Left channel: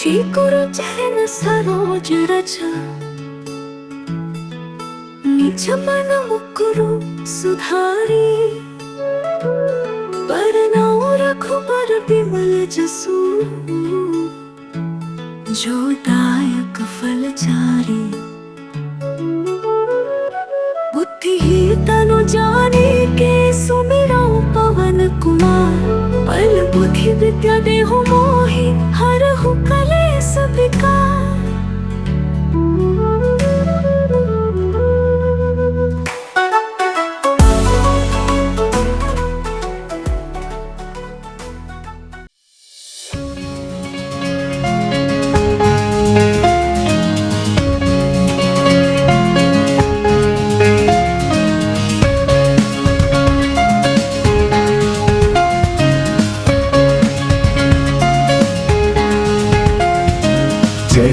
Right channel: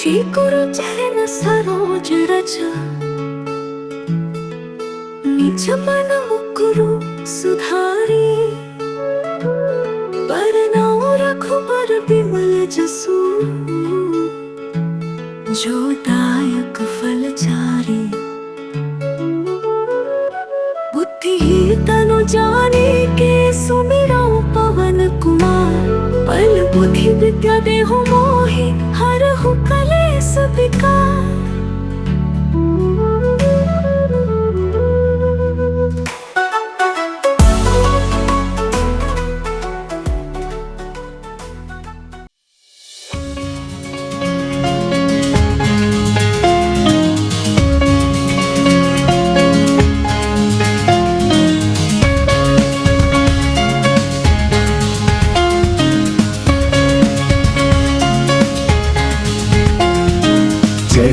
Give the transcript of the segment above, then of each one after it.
शीकुरु जैन सरोज रच निज मन मुकुरु सुधारी बरनाओ रघुबर बिमल जसु जो दायक फल चारी बुद्धिहीन तनु जाने के सुमिरौ पवन कुमार बल बुद्धि विद्या देहु मोहि हरहु कलेस विकार।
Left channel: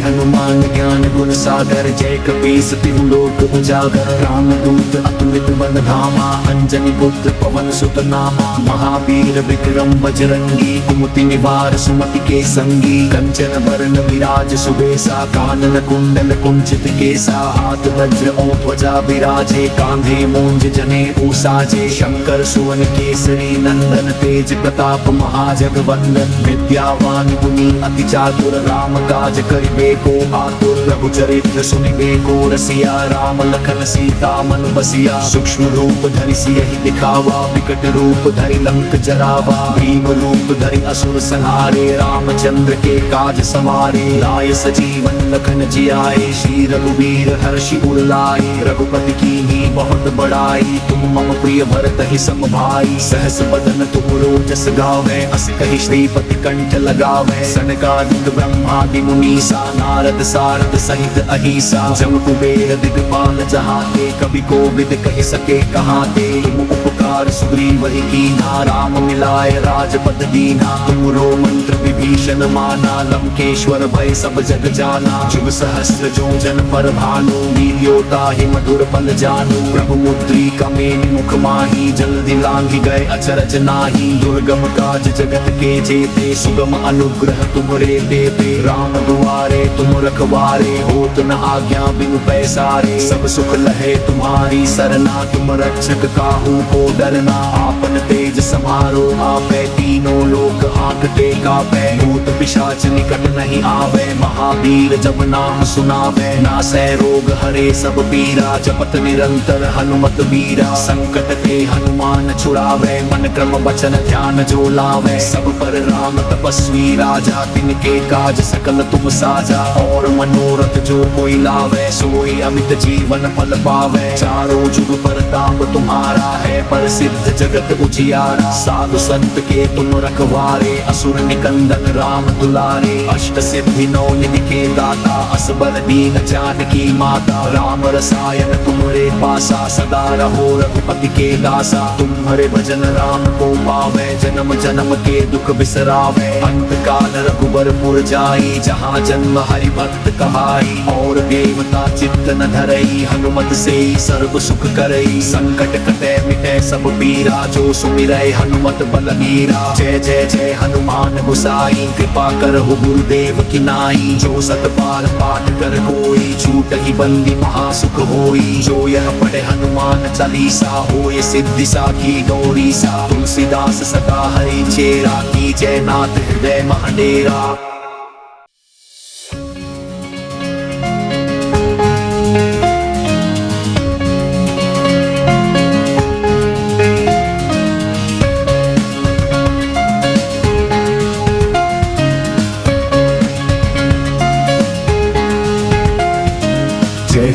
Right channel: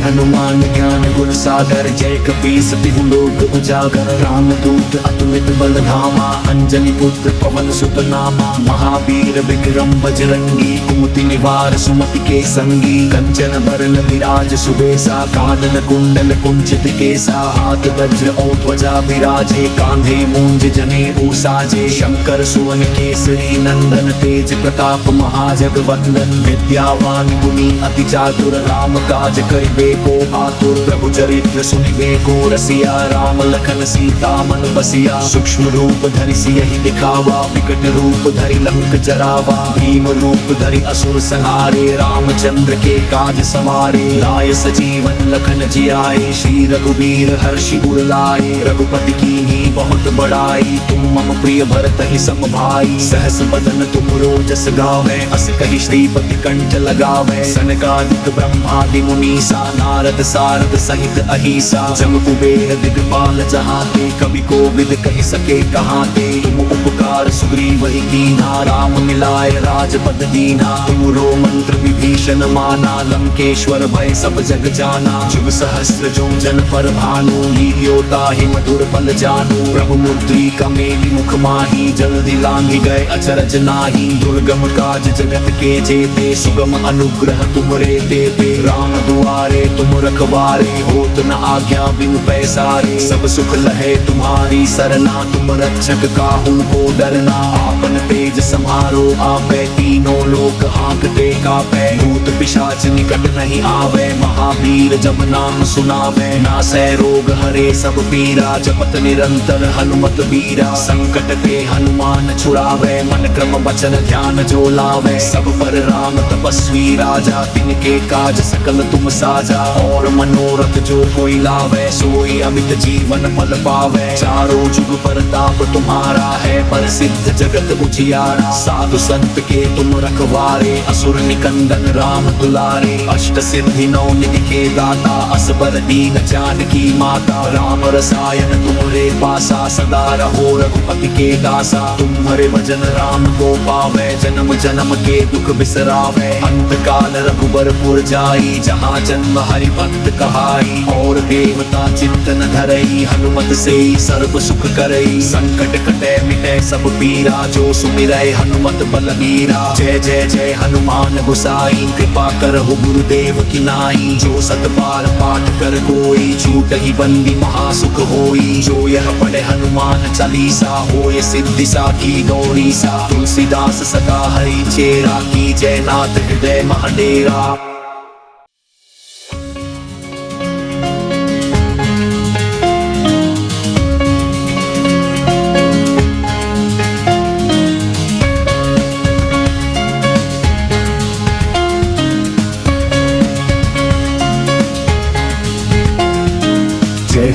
हनुमान ज्ञान गुण सागर जय कपीस तिहु लोक उजागर राम दूत अतुलित बल धामा अंजनी पुत्र पवन सुत नामा महावीर विक्रम बजरंगी कुमति निवार सुमति के संगी कंचन बरन विराज सुबेसा कानन कुंडल कुंचित केसा हाथ वज्र और ध्वजा विराजे कांधे मूंज जनेऊ साजे शंकर सुवन केसरी नंदन तेज प्रताप महाजगवंदन विद्यावान गुणी अति चातुर राम काज करिबे प्रभु चरित्र सुनिबे को रसिया राम लखन सीता मन बसिया सूक्ष्म रूप धरि सियहि दिखावा विकट रूप धरि लंक जरावा भीम रूप धरि असुर संहारे रामचंद्र के काज सवारे लाय सजीवन लखन जियाए श्री रघुवीर हर्षि उर लाए रघुपति कीन्ही बहुत बड़ाई तुम मम प्रिय भरत ही सम भाई सहस बदन तुम रोजस गावे अस कहि श्रीपति कंठ लगावे सनकादिक ब्रह्मादि मुनीसा नारद सारद सहित अहिसा जम कुबेर दिगपाल जहाते कवि कोविद कहि सके कहाते उपकार सुग्रीव ही कीन्हा राम मिलाय राजपद दीन्हा पूरो मंत्र विभीषण माना लंकेश्वर भय सब जग जाना शिव सहस्त्र जो जन पर भानु लील्यो ताहि मधुर पद जानू प्रभु मुद्री कमेली मुख माही जल्दी लांघि गए अचरज नाही दुर्गम काज जगत के जेते सुगम अनुग्रह तुम्हारे देते राम दुआरे तुम रखवारे होत न आज्ञा बिनु पैसारे सब सुख लहे तुम्हारी सरना तुम रक्षक काहू को डरना आपन तेज समारो आपे तीनों लोक हांकते गावे भूत पिशाच निकट नहीं आवे महावीर जब नाम सुनावे नासै रोग हरे सब पीरा जपत निरंतर हनुमत वीरा संकट ते हनुमान छुड़ावे मन क्रम वचन ध्यान जो लावे सब पर राम तपस्वी राजा तिनके काज सकल तुम साजा और मनोरथ जो होई लावे सोई अमित जीवन फल पावे चारों जुग परताप तुम्हारा है प्रसिद्ध जगत उजियारा साधु संत के तुम रखवारे असुर निकंदन राम दुलारे अष्ट सिद्धि नौ निधि के दाता असबर दीन जानकी माता राम रसायन तुम्हारे पासा सदा रहो रघुपति के दासा तुम्हारे भजन राम को पावे जन्म जन्म के दुख बिसरावे अंत काल रघुबरपुर जाई जहाँ जन्म हरि भक्त कहाई और देवता चिंतन धरई हनुमत से सर्व सुख करई संकट कटे मिटै सब पीरा जो सुमिरै हनुमत बल मीरा जय जय जय हनुमान गोसाई कृपा करहु गुरुदेव की नाई जो सत बार पाठ कर कोई छूटहि बंदी महासुख होई जो यह पढ़े हनुमान चालीसा होए सिद्धि साखी गौरी सा तुलसीदास सदा हरि चेरा की जय नाथ हृदय महाडेरा।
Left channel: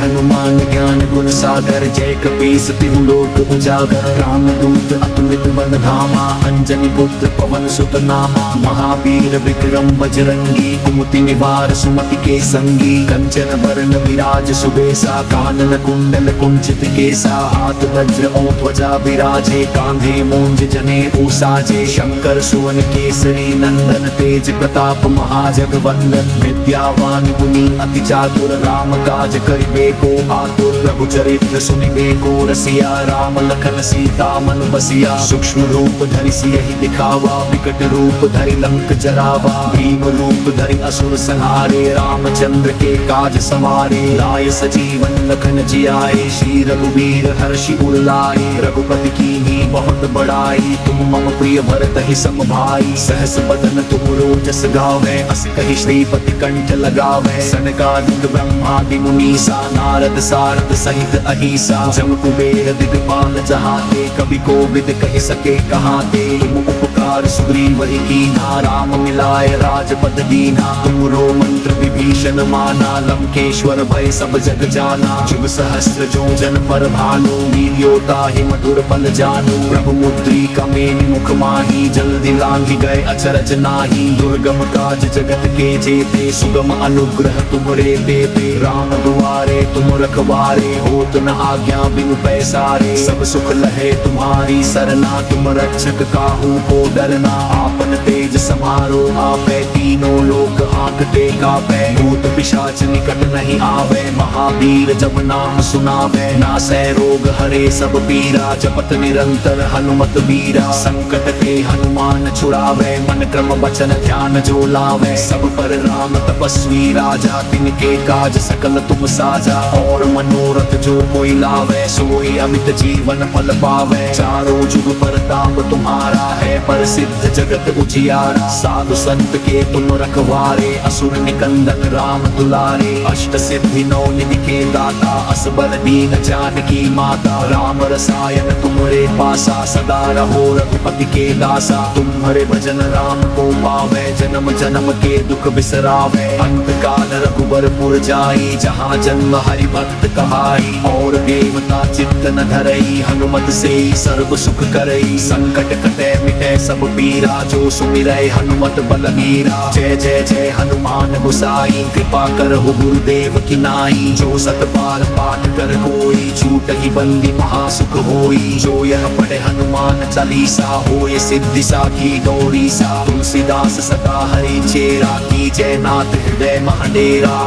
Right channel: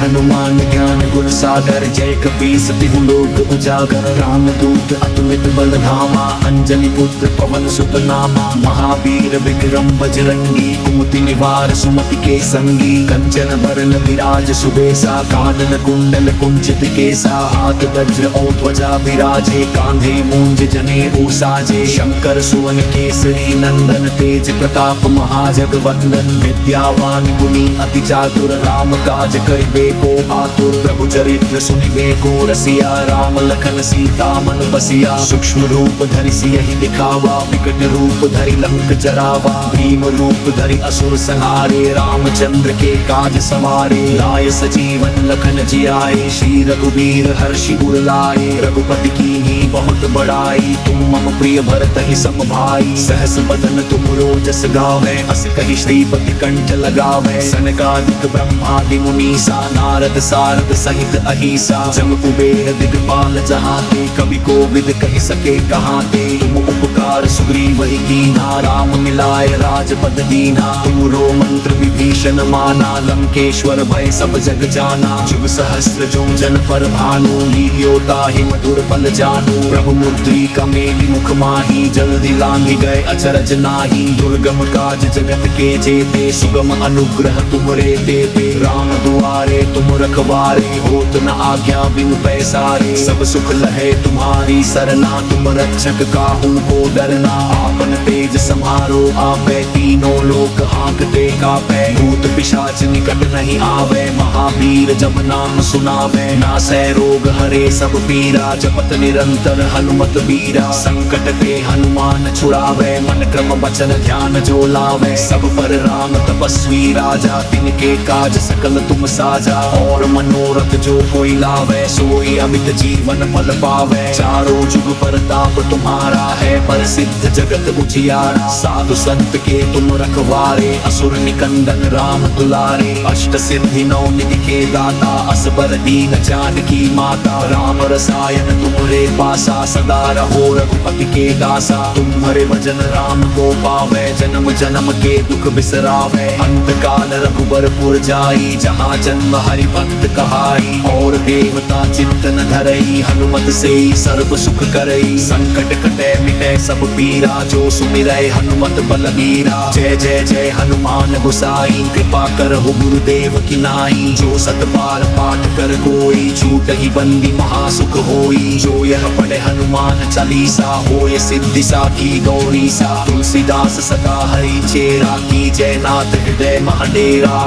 हनुमान ज्ञान गुण सागर जय कपीस तिहु लोक उजागर राम दूत अतुलित बल धामा अंजनी पुत्र पवन सुत नामा महावीर विक्रम बजरंगी कुमति निवार सुमति के संगी कंचन बरन विराज सुबेसा कानन कुंडल कुंचित केसा हाथ वज्र और ध्वजा विराजे कांधे मूंज जनेऊ साजे शंकर सुवन केसरी नंदन तेज प्रताप महाजगवंदन विद्यावान गुणी अति चातुर राम काज करिबे को आतुर प्रभु चरित्र चरित्र सुनिबे को रसिया राम लखन सीता मन बसिया सूक्ष्म रूप धरि सियहि दिखावा विकट रूप धरि लंक जरावा भीम रूप धरि असुर संहारे रामचंद्र के काज सवारे लाए सजीवन लखन जियाए श्री रघुबीर हर्षि उर लाए रघुपति कीन्ही बहुत बड़ाई तुम मम प्रिय भरत ही सम भाई सहस बदन तुम रोजस गावे अस कहि श्रीपति कंठ लगावे सनकादिक ब्रह्मादि मुनीसा नारद सारद सहित अहिसा जम कुबेर दिगपाल जहाते कवि को विद कहि सके कहाते तुम उपकार सुग्रीव ही कीन्हा राम मिलाए राजपद दीना तुमरो मंत्र विभीषण माना लंकेश्वर भय सब जग जाना जुग सहस्त्र जो जन पर भानु लील्योता ही मधुर फल जानू प्रभु मुद्रिका मेलि मुख माही जल्दी लांघि गए अचरज नाही दुर्गम काज जगत के जेते सुगम अनुग्रह तुमरे देते राम दुआरे तुम रखवारे होत न आज्ञा बिनु पैसारे सब सुख लहे तुम्हारी सरना तुम रक्षक काहू को डरना आपन तेज समारो आपे तीनों लोक आंकते कापे भूत पिशाच निकट नहीं आवे महावीर जब नाम सुनावे नासे रोग हरे सब पीरा जपत निरंतर हनुमत बीरा संकट के हनुमान छुड़ावे मन क्रम वचन ध्यान जो लावे सब पर राम तपस्वी राजा तिनके काज सकल तुम साझा और मनोरथ जो कोई लावे सोई अमित जीवन फल पावे चारों जुग परताप तुम्हारा है प्रसिद्ध जगत उजियारा साधु संत के तुम रखवारे असुर निकंदन राम दुलारे अष्ट सिद्धि नौ निधि के दाता असबर दीन जानकी माता राम रसायन तुम्हारे पासा सदा रहो रघुपति की दासा तुम्हारे भजन राम को पावे जन्म जन्म के दुख बिसरावे अंत काल रघुबरपुर जाई जहाँ जन्म हरि भक्त कमाई और देवता चिंतन धरई हनुमत से सर्व सुख करई संकट कटे मिटे सब पीरा जो सुमिरै हनुमत बलबीरा जय जय जय हनुमान गोसाई कृपा करहु गुरुदेव की नाई जो सत बार पाठ कर कोई छूट ही बंदी महासुख होई जो यह पढ़े हनुमान चालीसा होय सिद्धि साखी गौरी सा तुलसीदास सदा हरि चेरा की जय नाथ हृदय महाडेरा।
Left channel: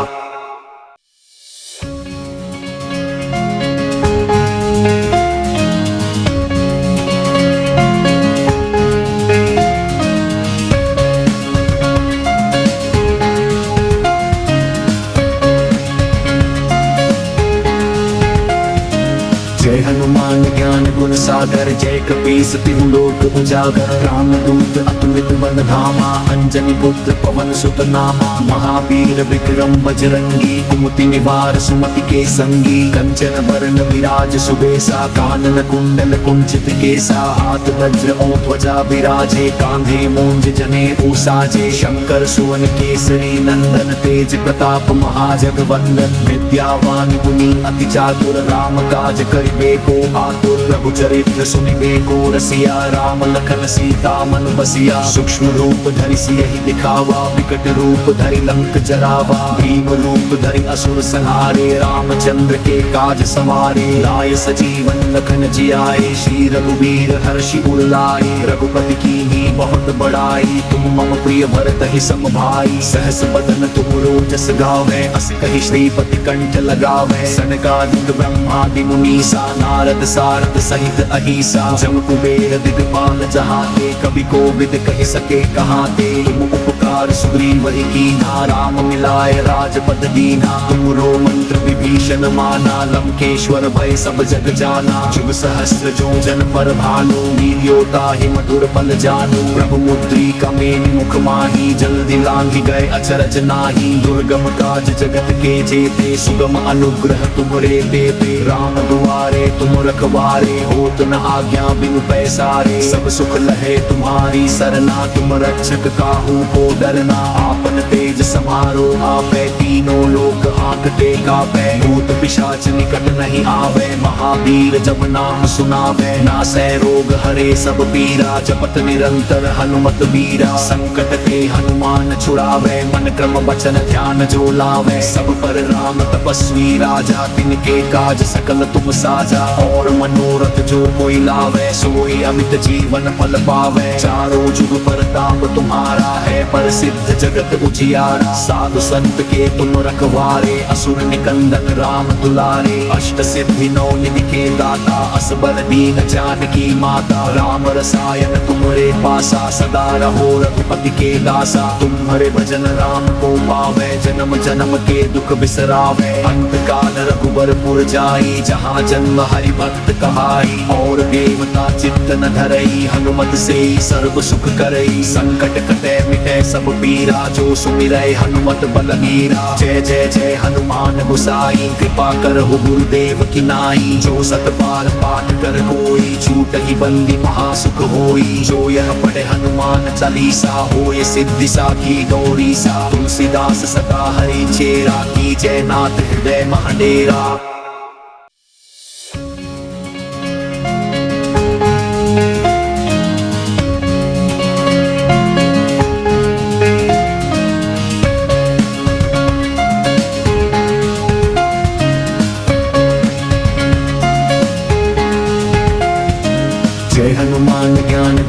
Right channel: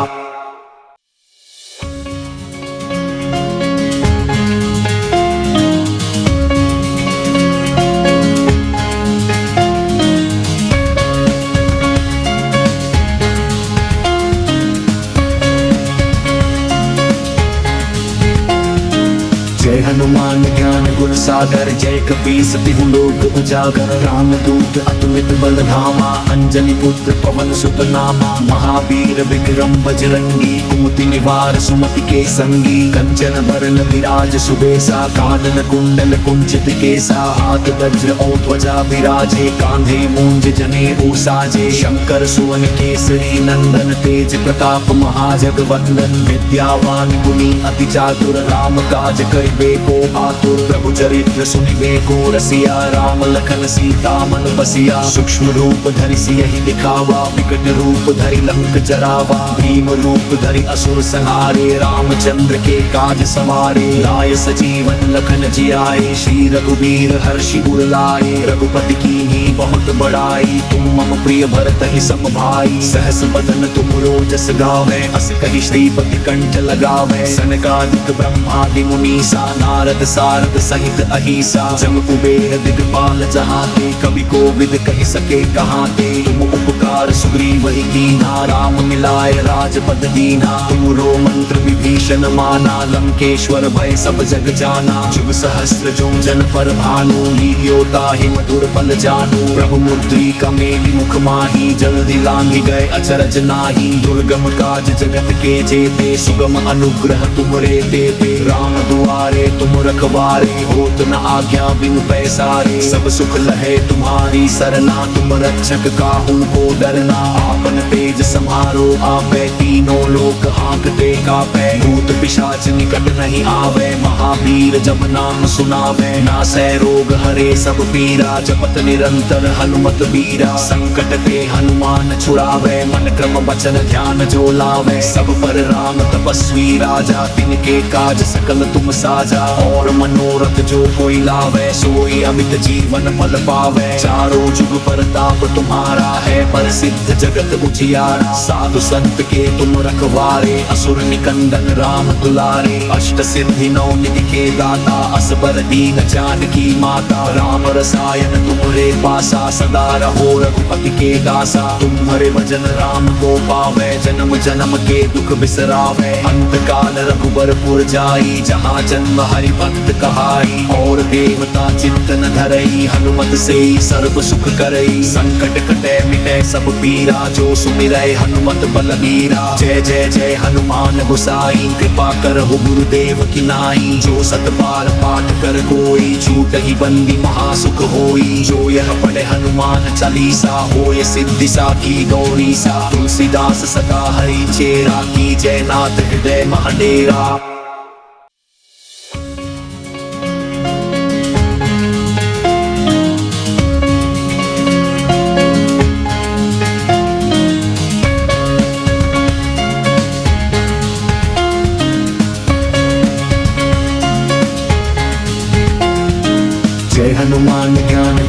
सागर जय कपीस तिहु लोक उजागर राम दूत अतुलित बल धामा अंजनी पुत्र पवन सुत नामा महावीर विक्रम बजरंगी कुमति निवार सुमति के संगी कंचन बरन विराज सुबेसा कानन कुंडल कुंचित केसा हाथ वज्र ध्वजा विराजे कांधे मूंज जनेऊ साजे शंकर सुवन केसरी नंदन तेज प्रताप महाजगवंदन विद्यावान गुणी अति चातुर राम काज करिबे को आतुर रघु चरित्र सुनिबे को रसिया राम लखन सीता मन बसिया सूक्ष्म रूप धरि सियहि दिखावा विकट रूप धरि लंक जरावा भीम रूप धरि असुर संहारे रामचंद्र के काज सवारे लाए सजीवन लखन जियाए श्री रघुबीर हर्षि उर लाए रघुपति कीन्ही बहुत बड़ाई तुम मम प्रिय भरत ही सम भाई सहस बदन तुम रोजस गावे अस कहि श्रीपति कंठ लगावे सनकादिक ब्रह्मादि मुनीसा नारद सारद सहित अहिसा जम कुबेर दिगपाल जहाते कवि को विद कहि सके कहाते तुम उपकार सुग्रीव ही कीन्हा राम मिलाए राजपद दीना तुमरो मंत्र विभीषण माना लंकेश्वर भय सब जग जाना जुग सहस्त्र जो जन पर भानु लील्योता ही मधुर फल जानू प्रभु मुद्रिका मेलि मुख माही जल्दी लांघि गए अचरज नाही दुर्गम काज जगत के जेते सुगम अनुग्रह तुमरे देते राम दुआरे तुम रखवारे होत न आज्ञा बिनु पैसारे सब सुख लहे तुम्हारी सरना तुम रक्षक काहू को डरना आपन तेज समारो आपे तीनों लोक आंकते कापे भूत पिशाच निकट नहीं आवे महावीर जब नाम सुनावे नासे रोग हरे सब पीरा जपत निरंतर हनुमत बीरा संकट के हनुमान छुड़ावे मन क्रम वचन ध्यान जो लावे सब पर राम तपस्वी राजा तिनके काज सकल तुम साझा और मनोरथ जो कोई लावे सोई अमित जीवन पद पावे चारों जुग परताप तुम्हारा है पर सिद्ध जगत उजियारा साधु संत के तुम रखवारे असुर निकंदन राम दुलारे अष्ट सिद्धि नौ निधि के दाता असबर दीन जानकी माता राम रसायन तुम्हारे पासा सदा रहो रघुपति की दासा तुम्हारे भजन राम को पावे जन्म जन्म के दुख बिसरावे अंत काल रघुबरपुर जाई जहाँ जन्म हरि भक्त कमाई और देवता चिंतन धरई हनुमत से सर्व सुख करई संकट कटे मिटे सब पीरा जो सुमिरै हनुमत बलबीरा जय जय जय हनुमान गोसाई कृपा करहु गुरुदेव की नाई जो सत बार पाठ कर कोई छूट ही बंदी महासुख होई जो यह पढ़े हनुमान चालीसा होय सिद्धि साखी गौरी सा तुलसीदास सदा हरि चेरा की जय नाथ हृदय महाडेरा।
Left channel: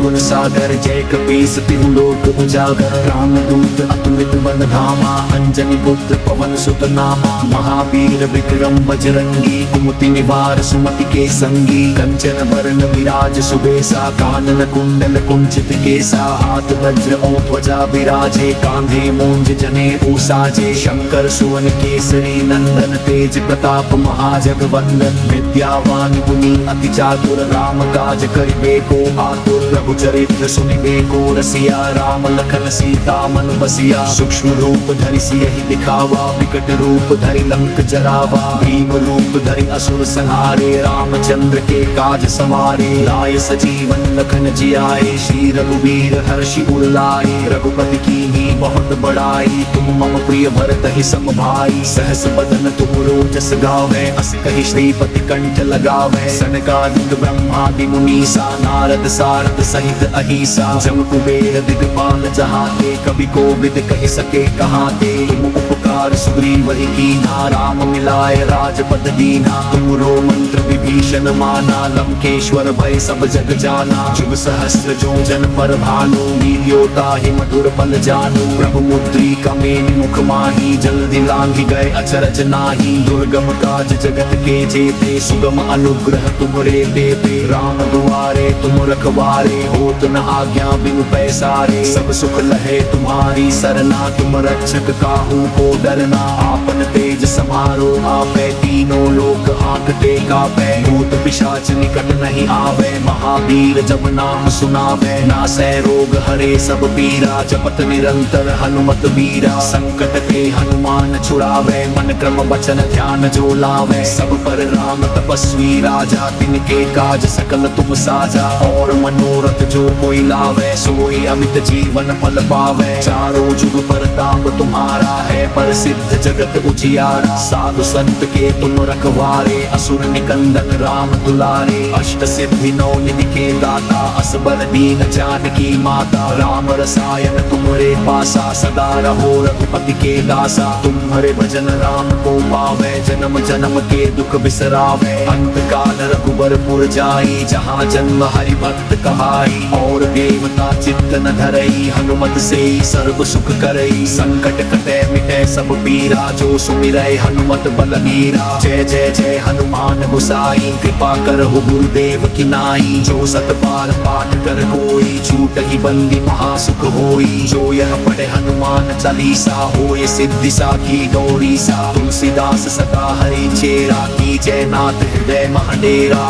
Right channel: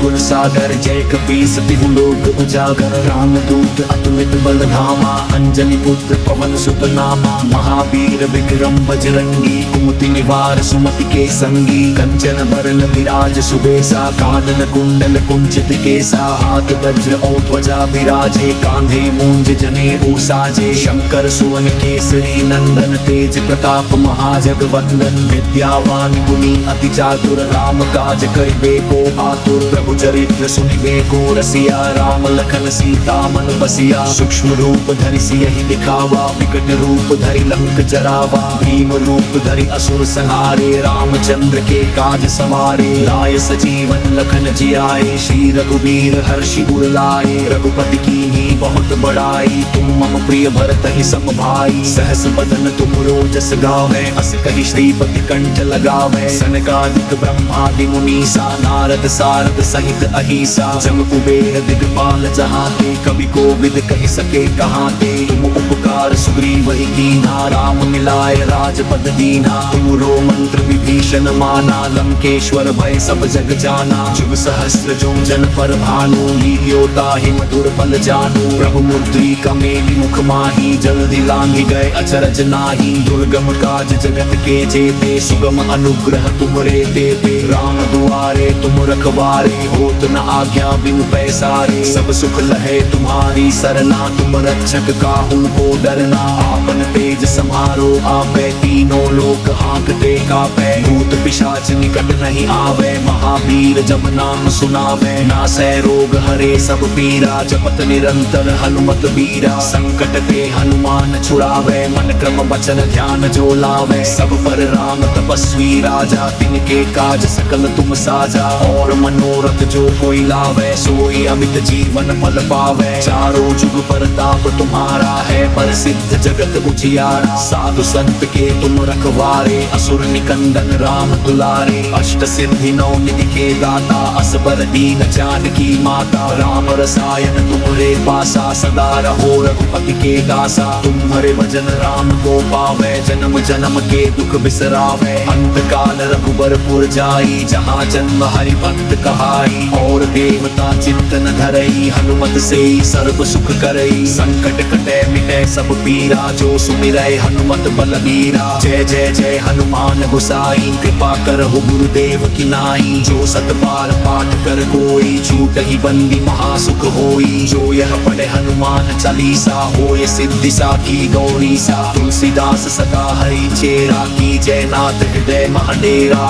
गुण सागर जय कपीस तिहु लोक उजागर राम दूत अतुलित बल धामा अंजनी पुत्र पवन सुत नामा महावीर विक्रम बजरंगी कुमति निवार सुमति के संगी कंचन बरन विराज सुबेसा कानन कुंडल कुंचित केसा हाथ वज्र और ध्वजा विराजे कांधे मूंज जनेऊ साजे शंकर सुवन केसरी नंदन तेज प्रताप महाजगवंदन विद्यावान गुणी अति चातुर राम काज करिबे को आतुर चरित्र सुनिबे को रसिया राम लखन सीता मन बसिया सूक्ष्म रूप धरि सियहि दिखावा विकट रूप धरि लंक जरावा भीम रूप धरि असुर संहारे रामचंद्र के काज सवारे आए सजीवन लखन जियाए श्री रघुवीर हर्षि उर लाए रघुपति कीन्ही बहुत बड़ाई तुम मम प्रिय भरत ही सम भाई सहस बदन तुम रोजस गावे अस कहि श्रीपति कंठ लगावे सनकादिक ब्रह्मादि मुनीसा नारद सारद सहित अहिसा जम कुबेर दिगपाल जहाँ ते कवि को विद कहि सके कहाँ ते तुम उपकार सुग्रीव ही कीन्हा राम मिलाए राजपद दीन्हा तुमरो मंत्र विभीषण माना लंकेश्वर भय सब जग जाना जुग सहस्र जो जन पर भानु लील्योता ही मधुर फल जानू प्रभु मुद्रिका मेरी मुख माही जल्दी लांगी गए अचरज नाही दुर्गम काज जगत के जेते सुगम अनुग्रह तुमरे देते राम दुआरे तुम रखवारे होत न आज्ञा बिनु पैसारे सब सुख लहे तुम्हारी सरना तुम रक्षक काहू को डरना आपन तेज समारो आपे तीनों लोक हांकते कापे भूत पिशाच निकट नहीं आवे महावीर जब नाम सुनावे नासे रोग हरे सब पीरा जपत निरंतर हनुमत बीरा संकट के हनुमान छुड़ावे मन क्रम वचन ध्यान जो लावे सब पर राम तपस्वी राजा तिनके काज सकल तुम साझा और मनोरथ जो कोई लावे सोई अमित जीवन पद पावे चारों जुग परताप तुम्हारा है पर सिद्ध जगत उजियारा साधु संत के तुम रखवारे असुर निकंदन राम दुलारे अष्ट सिद्धि नौ निधि के दाता असबर दीन जानकी माता राम रसायन तुम्हारे पासा सदा रहो रघुपति की दासा तुम्हारे भजन राम को पावे जन्म जन्म के दुख बिसरावे अंत काल रघुबरपुर जाई जहाँ जन्म हरि भक्त कमाई और देवता चिंतन धरई हनुमत से सर्व सुख करई संकट कटे मिटे सब पीरा जो सुमिरै हनुमत बलबीरा जय जय जय हनुमान गोसाई कृपा करहु गुरुदेव की नाई जो सत बार पाठ कर कोई छूट ही बंदी महासुख होई जो यह पढ़े हनुमान चालीसा होय सिद्धि साखी गौरी सा तुलसीदास सदा हरि चेरा की जय नाथ हृदय महाडेरा।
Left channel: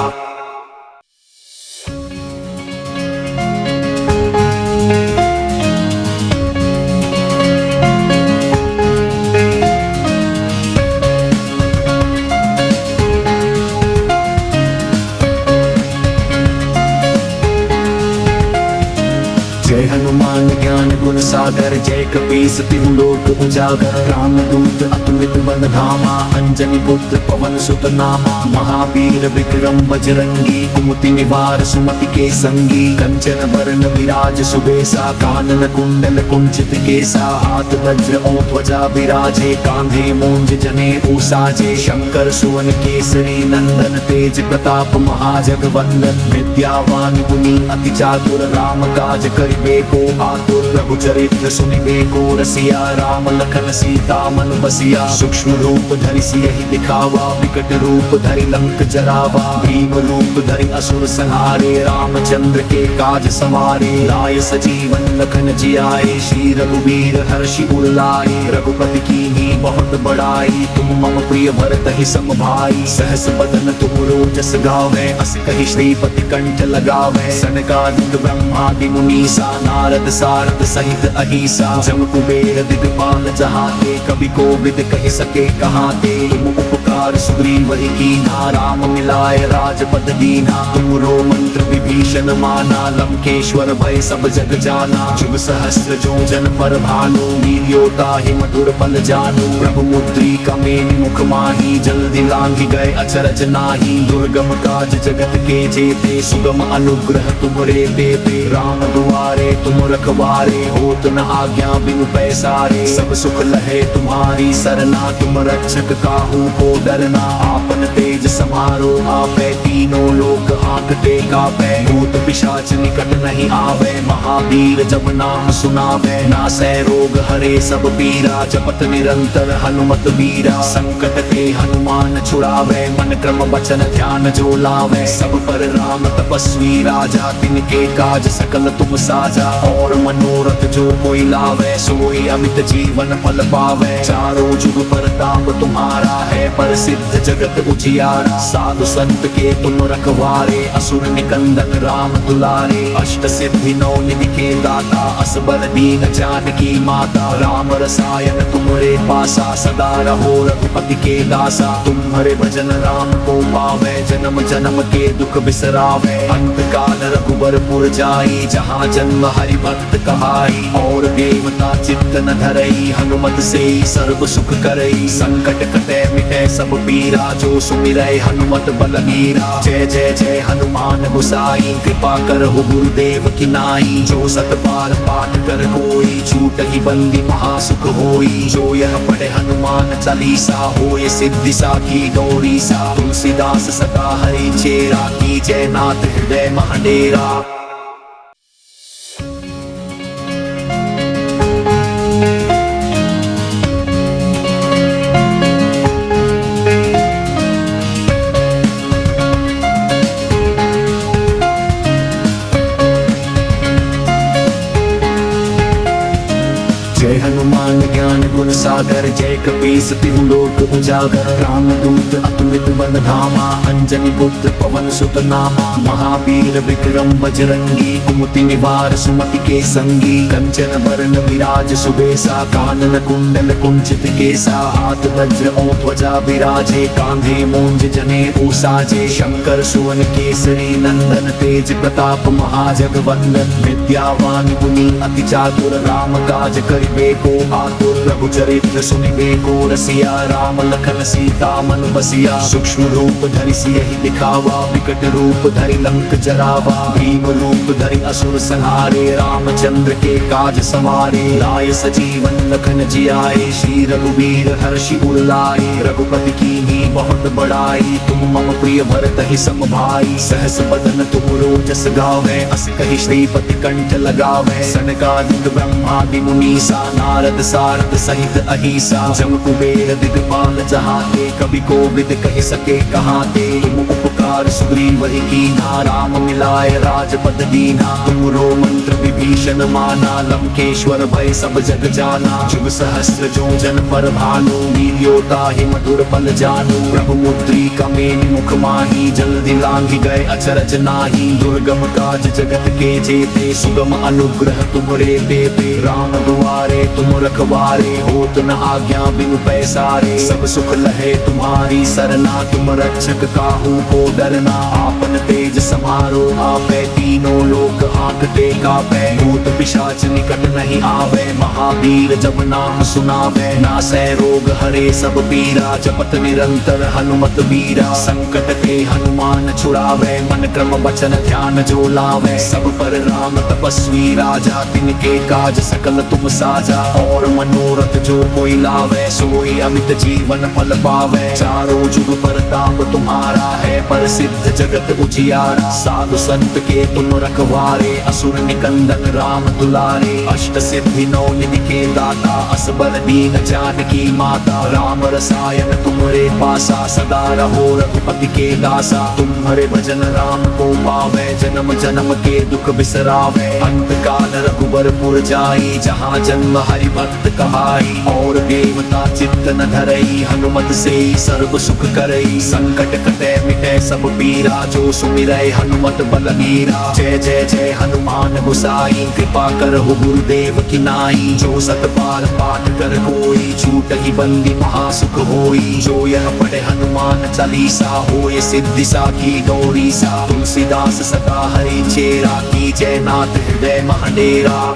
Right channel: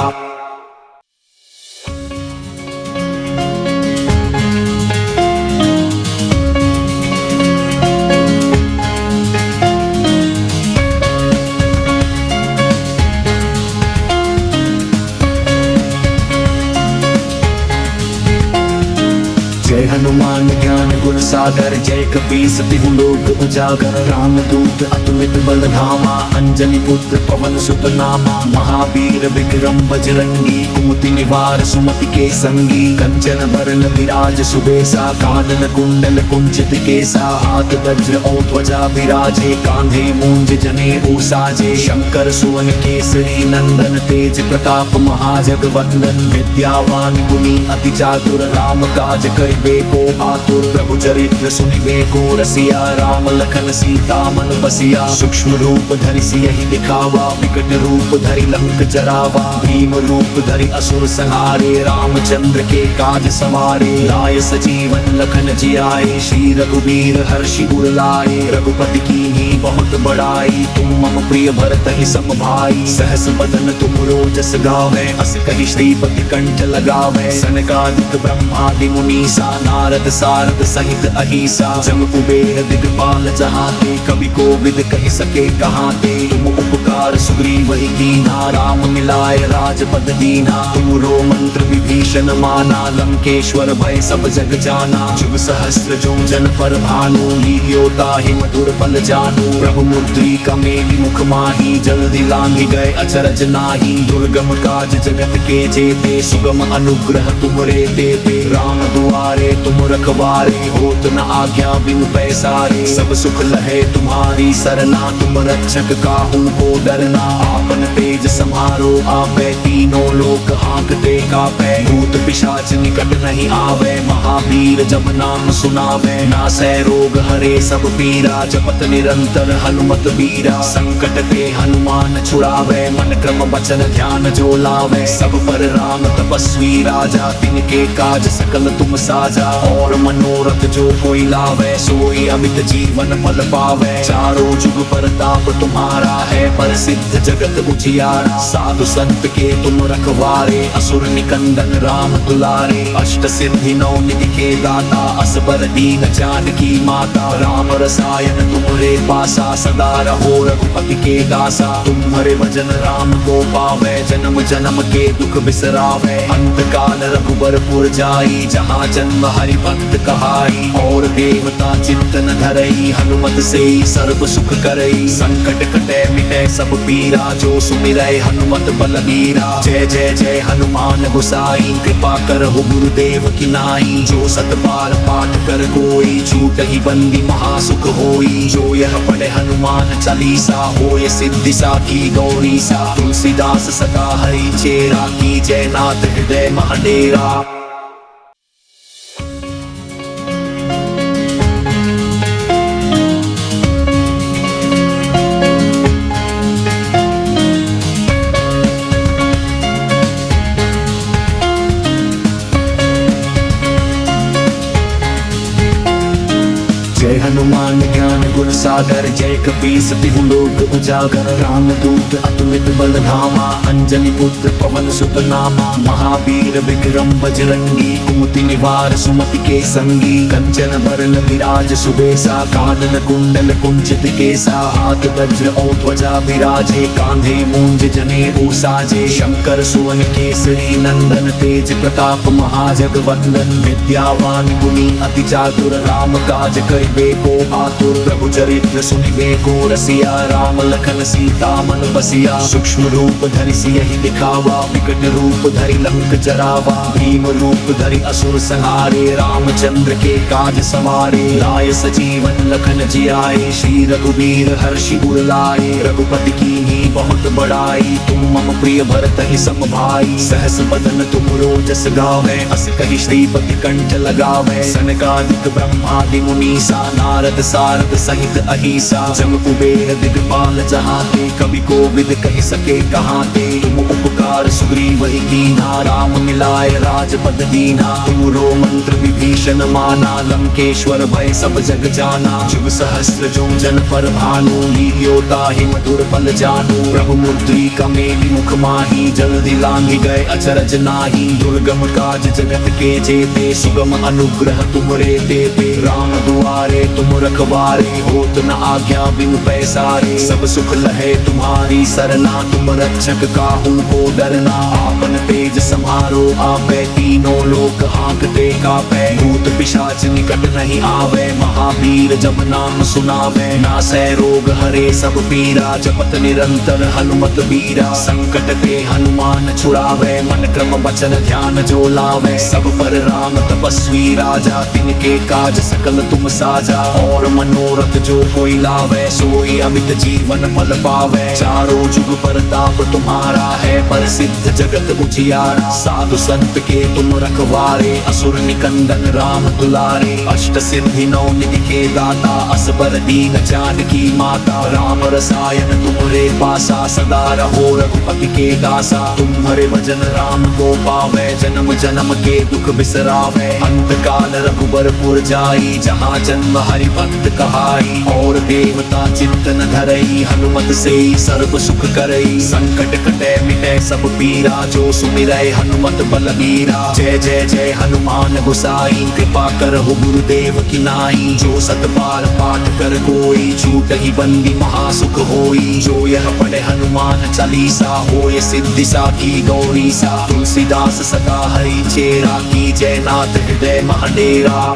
गुण सागर जय कपीस तिहु लोक उजागर रामदूत अतुलित बल धामा अंजनी पुत्र पवन सुत नामा महावीर विक्रम बजरंगी कुमति निवार सुमति के संगी कंचन वरण विराज सुबेसा कानन कुंडल कुंचित केसा हाथ वज्र ध्वजा विराजे कांधे मूंज जनेऊ साजे शंकर सुवन केसरी नंदन तेज प्रताप महाजगवंदन विद्यावान गुणी अति चातुर राम काज करिबे को आतुर रघुचरित्र सुनिबे को रसिया राम लखन सीता मन बसिया सूक्ष्म रूप धरि सियहि दिखावा विकट रूप धरि लंक जरावा भीम रूप धरि असुर संहारे रामचंद्र के काज सवारे आए सजीवन लखन जियाए श्री रघुवीर हर्षि उर लाए रघुपति कीन्ही बहुत बड़ाई तुम मम प्रिय भरत ही सम भाई सहस बदन तुम रोजस गावे अस कहि श्रीपति कंठ लगावे सनकादिक ब्रह्मादि मुनीसा नारद सारद सहित अहिसा जम कुबेर दिगपाल जहाँ ते कवि को विद कहि सके कहाँ ते तुम उपकार सुग्रीव ही कीन्हा राम मिलाय राजपद दीना तुमरो मंत्र विभीषण माना लंकेश्वर भय सब जग जाना जुग सहस्र जोजन पर भानु लील्योता ही मधुर फल जानू प्रभु मुद्रिका मेरी मुख माही जल्दी लांघि गए अचरज नाही दुर्गम काज जगत के जेते सुगम अनुग्रह तुमरे देते राम दुआरे तुम रखवारे होत न आज्ञा बिनु पैसारे सब सुख लहे तुम्हारी सरना तुम रक्षक काहू को डरना आपन तेज समारो आपे तीनों लोक हांकते कापे भूत पिशाच निकट नहीं आवे महावीर जब नाम सुनावे नासे रोग हरे सब पीरा जपत निरंतर हनुमत बीरा संकट के हनुमान छुड़ावे मन क्रम वचन ध्यान जो लावे सब पर राम तपस्वी राजा तिनके काज सकल तुम साजा और मनोरथ जो कोई लावे सोई अमित जीवन फल पावे चारों जुग परताप तुम्हारा है प्रसिद्ध जगत उजियारा साधु संत के तुम रखवारे असुर निकंदन राम दुलारे अष्ट सिद्धि नौ निधि के दाता असबर दीन जानकी माता राम रसायन तुम्हारे पासा सदा रहो रघुपति की दासा तुम्हारे भजन राम को पावे जन्म जन्म के दुख बिसरावे अंत काल रघुबरपुर जाई जहाँ जन्म हरि भक्त कहाई और देवता चिंतन धरई हनुमत से सर्व सुख करई संकट कटे मिटे सब पीरा जो सुमिरै हनुमत बलबीरा जय जय जय हनुमान गोसाई कृपा कर हो गुरुदेव की नाई जो सत बार पाठ कर कोई छूट ही बंदी महासुख होई जो यह पढ़े हनुमान चालीसा होय सिद्धि साखी गौरी सा तुलसीदास सदा हरि चेरा की जय नाथ हृदय महाडेरा। सागर जय कपीस तिहु लोक उजागर रामदूत अतुलित बल धामा अंजनी पुत्र पवन सुत नामा महावीर विक्रम बजरंगी कुमति निवार सुमति के संगी कंचन वरण विराज सुबेसा कानन कुंडल कुंचित केसा हाथ वज्र ध्वजा विराजे कांधे मूंज जनेऊ साजे शंकर सुवन केसरी नंदन तेज प्रताप महाजगवंदन विद्यावान गुणी अति चातुर राम काज करिबे को आतुर रघुचरित्र सुनिबे को रसिया राम लखन सीता मन बसिया सूक्ष्म रूप धरि सियहि दिखावा विकट रूप धरि लंक जरावा भीम रूप धरि असुर संहारे रामचंद्र के काज सवारे आए सजीवन लखन जियाए श्री रघुवीर हर्षि उर लाए रघुपति कीन्ही बहुत बड़ाई तुम मम प्रिय भरत ही सम भाई सहस बदन तुम रोजस गावे अस कहि श्रीपति कंठ लगावे सनकादिक ब्रह्मादि मुनीसा नारद सारद सहित अहिसा जम कुबेर दिगपाल जहाँ ते कवि को विद कहि सके कहाँ ते तुम उपकार सुग्रीव ही कीन्हा राम मिलाय राजपद दीना तुमरो मंत्र विभीषण माना लंकेश्वर भय सब जग जाना जुग सहस्र जोजन पर भानु लील्योता ही मधुर फल जानू प्रभु मुद्रिका मेरी मुख माही जल्दी लांघि गए अचरज नाही दुर्गम काज जगत के जेते सुगम अनुग्रह तुमरे देते राम दुआरे तुम रखवारे होत न आज्ञा बिनु पैसारे सब सुख लहे तुम्हारी सरना तुम रक्षक काहू को डरना आपन तेज समारो आपे तीनों लोक हांकते कापे भूत पिशाच निकट नहीं आवे। महावीर जब नाम सुनावे, नासे रोग हरे सब पीरा। जपत निरंतर हनुमत बीरा, संकट के हनुमान छुड़ावे। मन क्रम वचन ध्यान जो लावे, सब पर राम तपस्वी राजा। तिनके काज सकल तुम साझा, और मनोरथ जो कोई लावे। सोई अमित जीवन पद पावे, चारों जुग परताप तुम्हारा है। प्रसिद्ध जगत उजियारा, साधु संत के तुम रखवारे। असुर निकंदन राम दुलारे, अष्ट सिद्धि नौ निधि के दाता। असबर दीन जानकी माता, राम रसायन तुम्हारे पासा। सदा रहो रघुपति की दासा, तुम्हारे भजन राम को पावे। जन्म जन्म के दुख बिसरावे, अंत काल रघुबरपुर जाई। जहाँ जन्म हरि भक्त कमाई, और देवता चिंतन धरई। हनुमत से सर्व सुख करई, संकट कटे मिटे सब पीरा। जो सुमिरै हनुमत बलबीरा, जय जय जय हनुमान गोसाई। कृपा करहु गुरुदेव की नाई, जो सत बार पाठ कर कोई। छूट ही बंदी महासुख होई, जो यह पढ़े हनुमान चालीसा। होय सिद्धि साखी गौरी सा, तुलसीदास सदा हरि चेरा। की जय नाथ हृदय महाडेरा।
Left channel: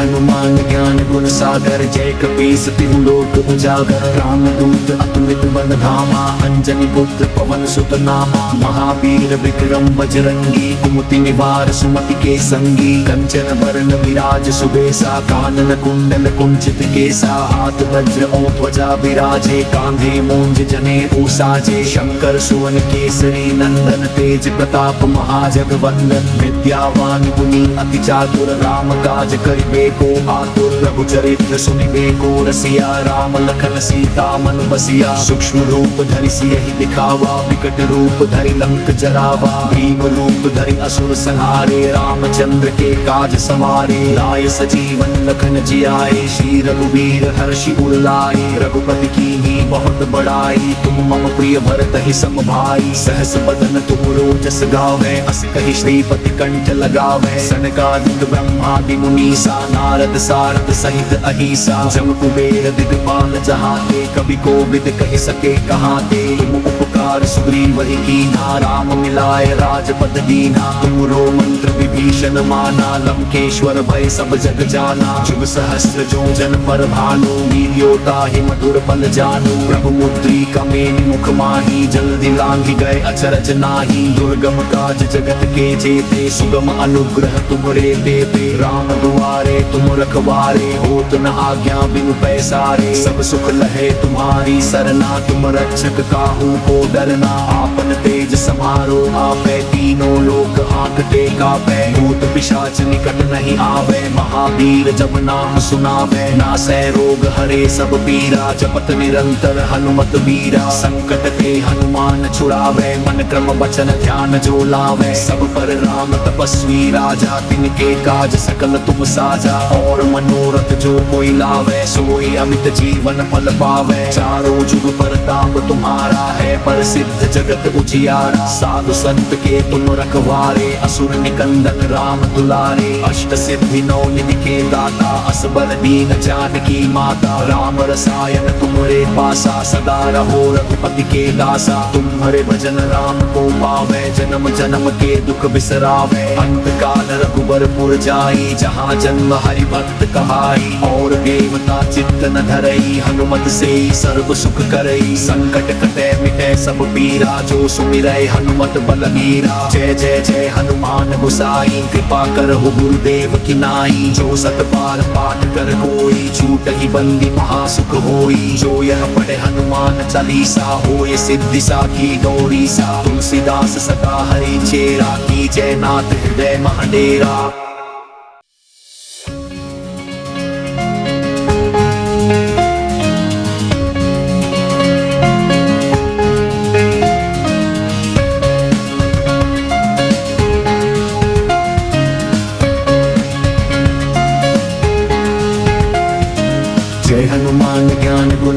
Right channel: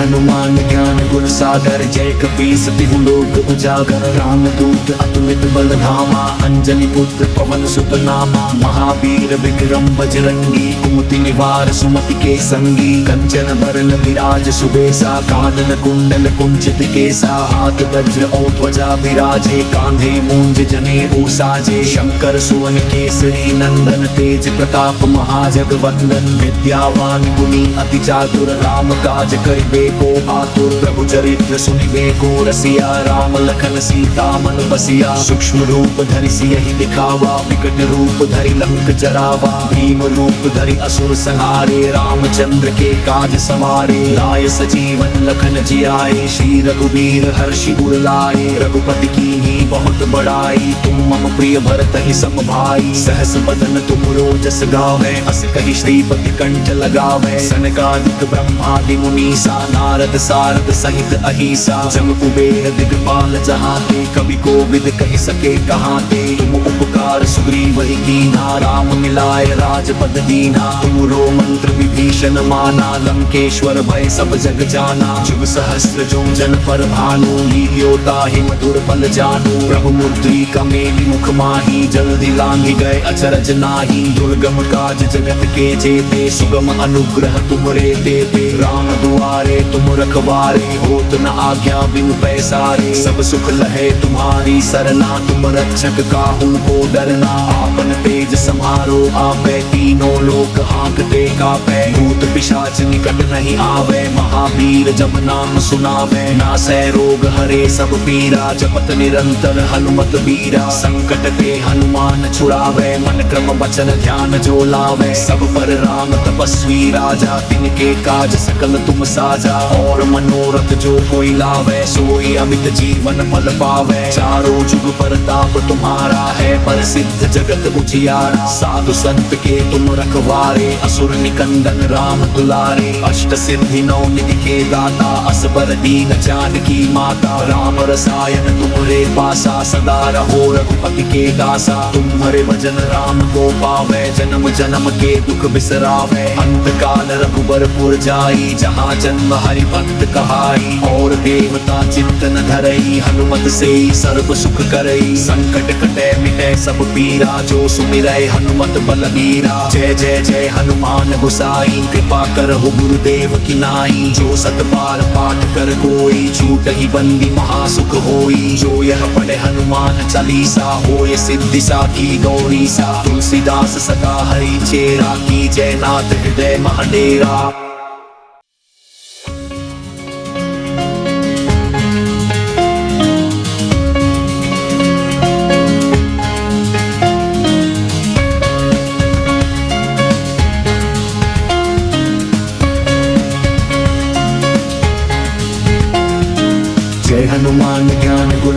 हनुमान ज्ञान गुण सागर, जय कपीस तिहु लोक उजागर। राम दूत अतुलित बल धामा, अंजनी पुत्र पवन सुत नामा। महावीर विक्रम बजरंगी, कुमति निवार सुमति के संगी। कंचन बरन विराज सुबेसा, कानन कुंडल कुंचित केसा। हाथ वज्र ध्वजा विराजे, कांधे मूंज जनेऊ साजे। शंकर सुवन केसरी नंदन, तेज प्रताप महाजगवंदन। विद्यावान गुणी अति चातुर, राम काज करिबे को आतुर। रघु चरित्र सुनिबे को रसिया, राम लखन सीता मन बसिया। सूक्ष्म रूप धरि सियहि दिखावा, विकट रूप धरि लंक जरावा। भीम रूप धरि असुर संहारे, रामचंद्र के काज सवारे। लाए सजीवन लखन जियाए, श्री रघुबीर हर्षि उर लाए। रघुपति कीन्ही बहुत बड़ाई, तुम मम प्रिय भरत ही सम भाई। सहस बदन तुम रोजस गावे, अस कहि श्रीपति कंठ लगावे। सनकादिक ब्रह्मादि मुनीसा, नारद सारद सहित अहिसा। जम कुबेर दिगपाल जहाते, कवि कोविद कहि सके कहाते। तुम उपकार सुग्रीव ही कीन्हा, राम मिलाए राजपद दीन्हा। तुमरो मंत्र विभीषण माना, लंकेश्वर भय सब जग जाना। जुग सहस्त्र जो जन पर भानु, लील्योता ही मधुर फल जानू। प्रभु मुद्रिका मेलि मुख माही, जल्दी लांघि गए अचरज नाही। दुर्गम काज जगत के जेते, सुगम अनुग्रह तुमरे देते। राम दुआरे तुम रखवारे, होत न आज्ञा बिनु पैसारे। सब सुख लहे तुम्हारी सरना, तुम रक्षक काहू को डरना। आपन तेज समारो आपे, तीनों लोक हांकते कापे। भूत पिशाच निकट नहीं आवे, महावीर जब नाम सुनावे। नासे रोग हरे सब पीरा, जपत निरंतर हनुमत बीरा। संकट के हनुमान छुड़ावे, मन क्रम वचन ध्यान जो लावे। सब पर राम तपस्वी राजा, तिनके काज सकल तुम साझा। और मनोरथ जो कोई लावे, सोई अमित जीवन पद पावे। चारों जुग परताप तुम्हारा है, प्रसिद्ध जगत उजियारा। साधु संत के तुम रखवारे, असुर निकंदन राम दुलारे। अष्ट सिद्धि नौ निधि के दाता, असबर दीन जानकी माता। राम रसायन तुम्हारे पासा, सदा रहो रघुपति की दासा। तुम्हारे भजन राम को पावे, जन्म जन्म के दुख बिसरावे। अंत काल रघुबरपुर जाई, जहाँ जन्म हरि भक्त कमाई। और देवता चिंतन धरई, हनुमत से सर्व सुख करई। संकट कटे मिटे सब पीरा, जो सुमिरै हनुमत बलबीरा। जय जय जय हनुमान गोसाई, कृपा करहु गुरुदेव की नाई। जो सत बार पाठ कर कोई, छूट ही बंदी महासुख होई। जो यह पढ़े हनुमान चालीसा, होय सिद्धि साखी गौरी सा। तुलसीदास सदा हरि चेरा, की जय नाथ हृदय महाडेरा।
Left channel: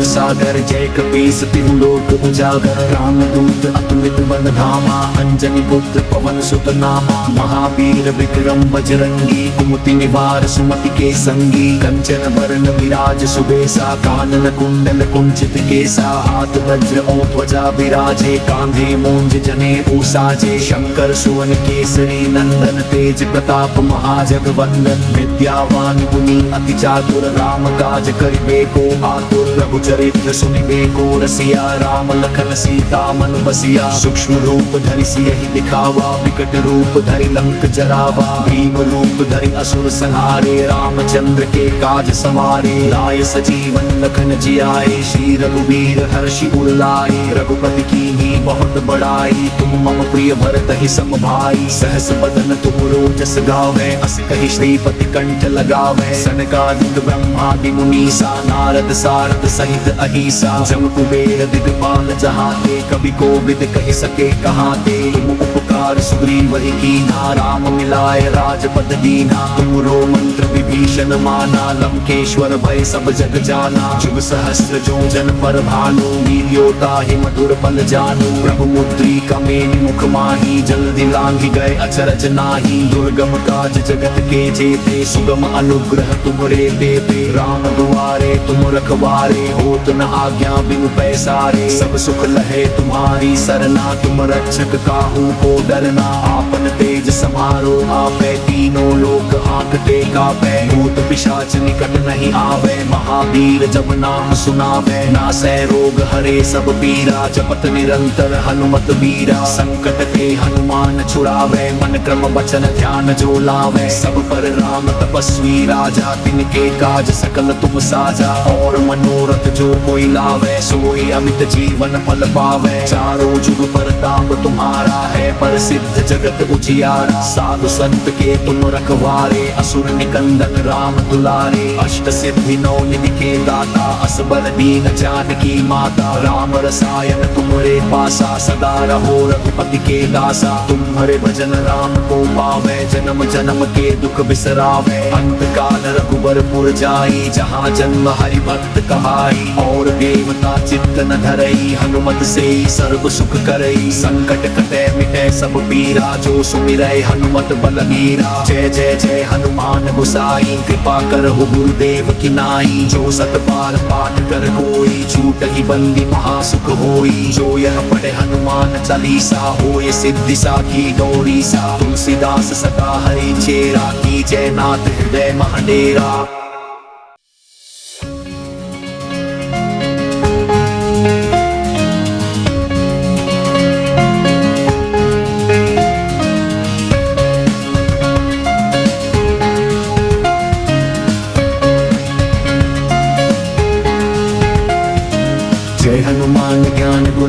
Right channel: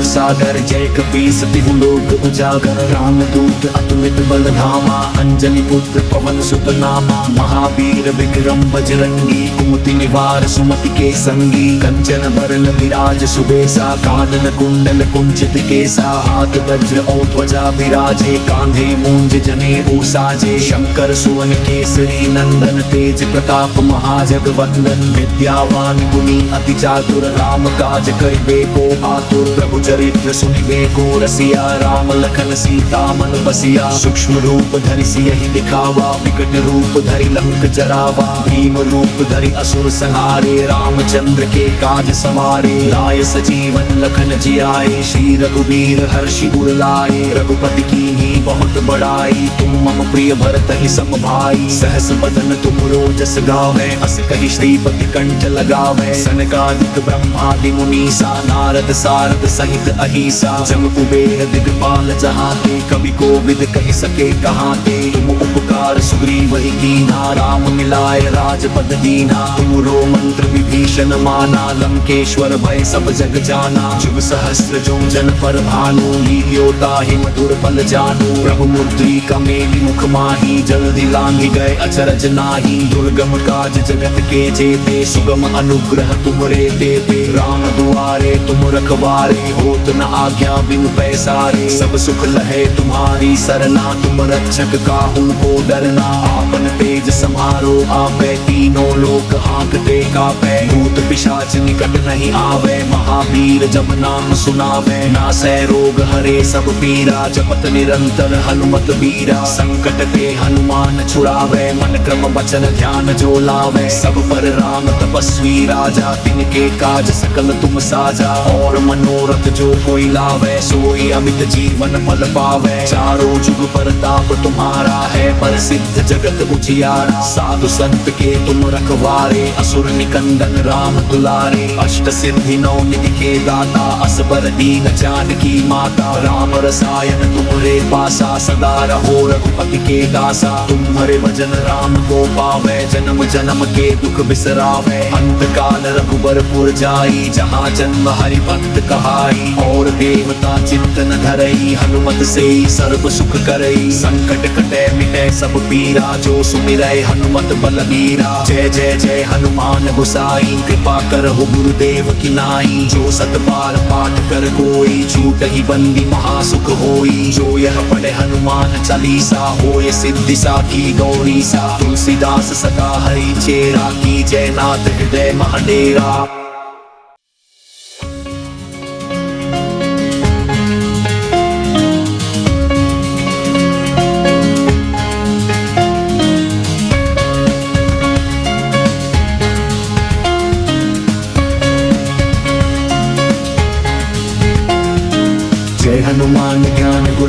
सागर, जय कपीस तिहु लोक उजागर रामदूत अतुलित बल धामा अंजनी पुत्र पवन सुत नामा महावीर विक्रम बजरंगी कुमति निवार सुमति के संगी कंचन बरन विराज सुबेसा कानन कुंडल कुंचित केसा हाथ वज्र ध्वजा विराजे कांधे मूंज जनेऊ साजे शंकर सुवन केसरी नंदन तेज प्रताप महाजगवंदन विद्यावान गुणी अति चातुर राम काज करिबे को आतुर रघुचरित्र सुनिबे को रसिया राम लखन सीता मन बसिया सूक्ष्म रूप धरि सियहि दिखावा विकट रूप धरि लंक जरावा भीम रूप धरि असुर संहारे रामचंद्र के काज सवारे आए सजीवन लखन जियाए श्री रघुवीर हर्षि उर लाए रघुपति कीन्ही बहुत बड़ाई तुम मम प्रिय भरत ही सम भाई सहस बदन तुम रोजस गावे अस कहि श्रीपति कंठ लगावे सनकादिक ब्रह्मादि मुनीसा नारद सारद सहित अहिसा जम कुबेर दिगपाल जहाते कवि कोविद कहि सके कहाते तुम उपकार सुग्रीव ही कीन्हा राम मिलाय राजपद दीन्हा तुमरो मंत्र विभीषण माना लंकेश्वर भय सब जग जाना जुग सहस्त्र जो जन पर भानु लील्योता ही मधुर फल जानू प्रभु मुद्रिका मेलि मुख माही जल्दी लांघि गए अचरज नाही दुर्गम काज जगत के जेते सुगम अनुग्रह तुमरे देते राम दुआरे तुम रखवारे होत न आज्ञा बिनु पैसारे सब सुख लहे तुम्हारी सरना तुम रक्षक काहू को डरना आपन तेज समारो आपे तीनों लोक हांकते कापे भूत पिशाच निकट नहीं आवे महावीर जब नाम सुनावे नासे रोग हरे सब पीरा जपत निरंतर हनुमत बीरा संकट के हनुमान छुड़ावे मन क्रम वचन ध्यान जो लावे सब पर राम तपस्वी राजा तिनके काज सकल तुम साझा और मनोरथ जो कोई लावे सोई अमित जीवन फल पावे चारों जुग परताप तुम्हारा है पर सिद्ध जगत उजियारा साधु संत के तुम रखवारे असुर निकंदन राम दुलारे अष्ट सिद्धि नौ निधि के दाता असबर दीन जानकी माता राम रसायन तुम्हारे पासा सदा रहो रघुपति की दासा तुम्हारे भजन राम को पावे जन्म जन्म के दुख बिसरावे अंत काल रघुबरपुर जाई जहाँ जन्म हरि भक्त कहाई और देवता चिंतन धरई हनुमत से सर्व सुख करई संकट कटे मिटे सब पीरा जो सुमिरै हनुमत बलबीरा जय जय जय हनुमान गोसाई कृपा करहु गुरुदेव की नाई जो सत बार पाठ कर कोई छूट ही बंदी महासुख होई जो यह पढ़े हनुमान चालीसा होय सिद्धि साखी गौरी सा तुलसीदास सदा हरि चेरा की जय नाथ हृदय महाडेरा।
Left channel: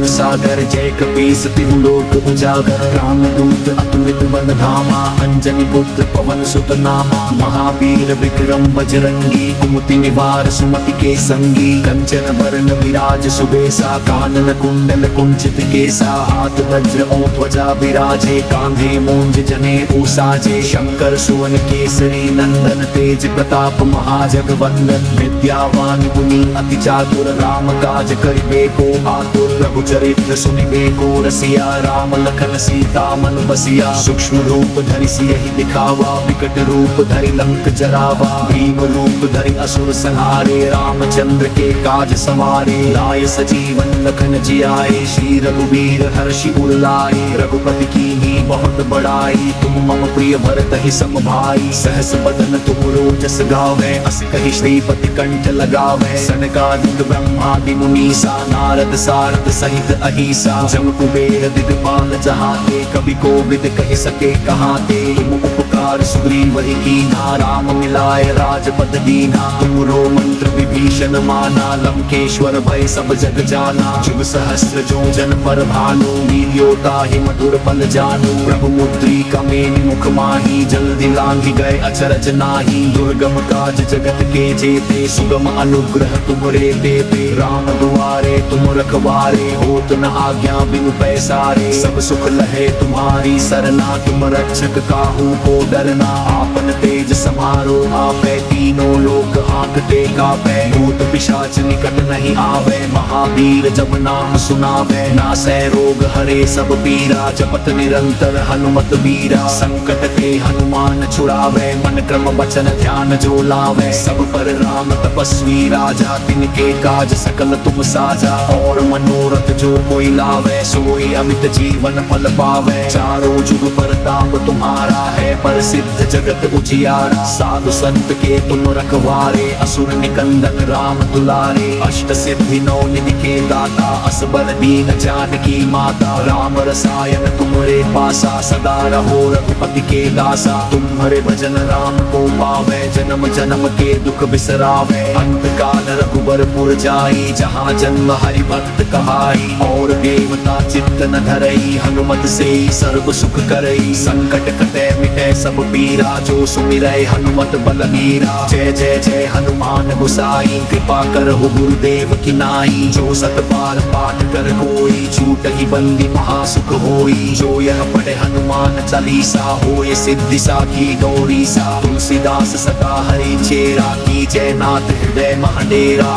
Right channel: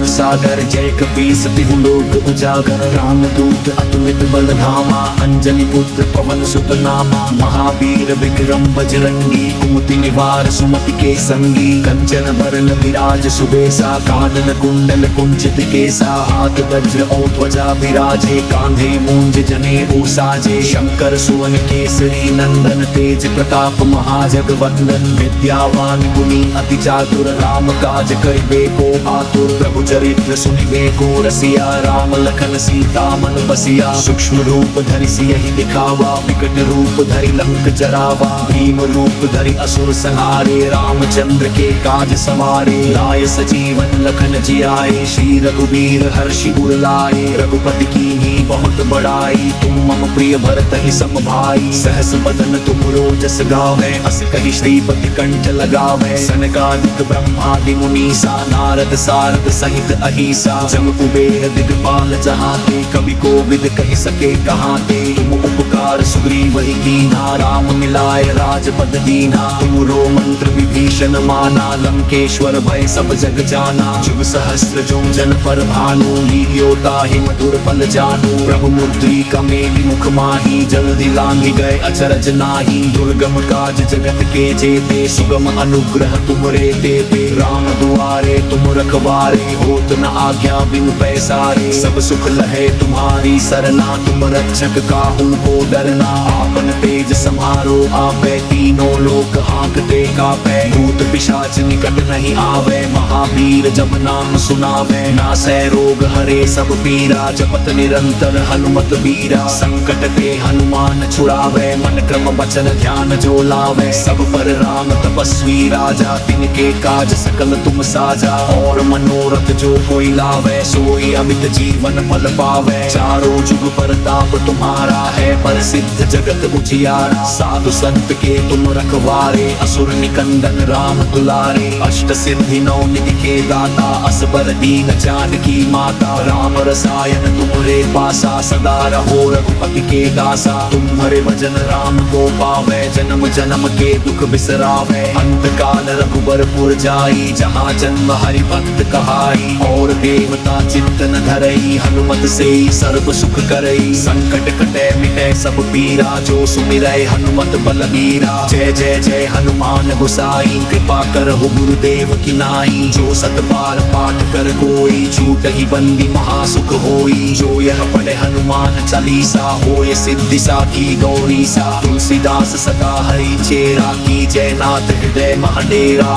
सागर जय कपीस तिहु लोक उजागर रामदूत अतुलित बल धामा अंजनी पुत्र पवन सुत नामा महावीर विक्रम बजरंगी कुमति निवार सुमति के संगी कंचन बरन विराज सुबेसा कानन कुंडल कुंचित केसा हाथ वज्र ध्वजा विराजे कांधे मूंज जनेऊ साजे शंकर सुवन केसरी नंदन तेज प्रताप महाजगवंदन विद्यावान गुणी अति चातुर राम काज करिबे को आतुर रघुचरित्र सुनिबे को रसिया राम लखन सीता मन बसिया सूक्ष्म रूप धरि सियहि दिखावा विकट रूप धरि लंक जरावा भीम रूप धरि असुर संहारे रामचंद्र के काज सवारे आए सजीवन लखन जियाए श्री रघुवीर हर्षि उर लाए रघुपति कीन्ही बहुत बड़ाई तुम मम प्रिय भरत ही सम भाई सहस बदन तुम रोजस गावे अस कहि श्रीपति कंठ लगावे सनकादिक ब्रह्मादि मुनीसा नारद सारद सहित अहिसा जम कुबेर दिगपाल जहाते कवि कोविद कहि सके कहाते तुम उपकार सुग्रीव ही कीन्हा राम मिलाय राजपद दीन्हा तुमरो मंत्र विभीषण माना लंकेश्वर भय सब जग जाना जुग सहस्त्र जो जन पर भानु लील्योता ही मधुर फल जानू प्रभु मुद्रिका मेलि मुख माही जल्दी लांघि गए अचरज नाही दुर्गम काज जगत के जेते सुगम अनुग्रह तुमरे देते राम दुआरे तुम रखवारे होत न आज्ञा बिनु पैसारे सब सुख लहे तुम्हारी सरना तुम रक्षक काहू को डरना आपन तेज समारो आपे तीनों लोक हांकते कापे भूत पिशाच निकट नहीं आवे, महावीर जब नाम सुनावे, नासे रोग हरे सब पीरा, जपत निरंतर हनुमत वीरा, संकट के हनुमान छुड़ावे, मन क्रम वचन ध्यान जो लावे, सब पर राम तपस्वी राजा, तिनके काज सकल तुम साझा, और मनोरथ जो कोई लावे, सोई अमित जीवन पद पावे, चारों जुग परताप तुम्हारा है, प्रसिद्ध जगत उजियारा, साधु संत के तुम रखवारे, असुर निकंदन राम दुलारे, अष्ट सिद्धि नौ निधि के दाता, असबर दीन जानकी माता, राम रसायन तुम्हारे पासा, सदा रहो रघुपति की दासा, तुम्हारे भजन राम को पावे, जन्म जन्म के दुख बिसरावे, अंत काल रघुबरपुर जाई, जहाँ जन्म हरि भक्त कहाई, और देवता चिंतन धरई, हनुमत से सर्व सुख करई, संकट कटे मिटे सब पीरा, जो सुमिरै हनुमत बलबीरा, जय जय जय हनुमान गोसाई, कृपा कर हो गुरुदेव की नाई, जो सत बार पाठ कर कोई, छूट ही बंदी महासुख होई, जो यह पढ़े हनुमान चालीसा, होय सिद्धि साखी गौरी सा, तुलसीदास सदा हरि चेरा, की जय नाथ हृदय महाडेरा।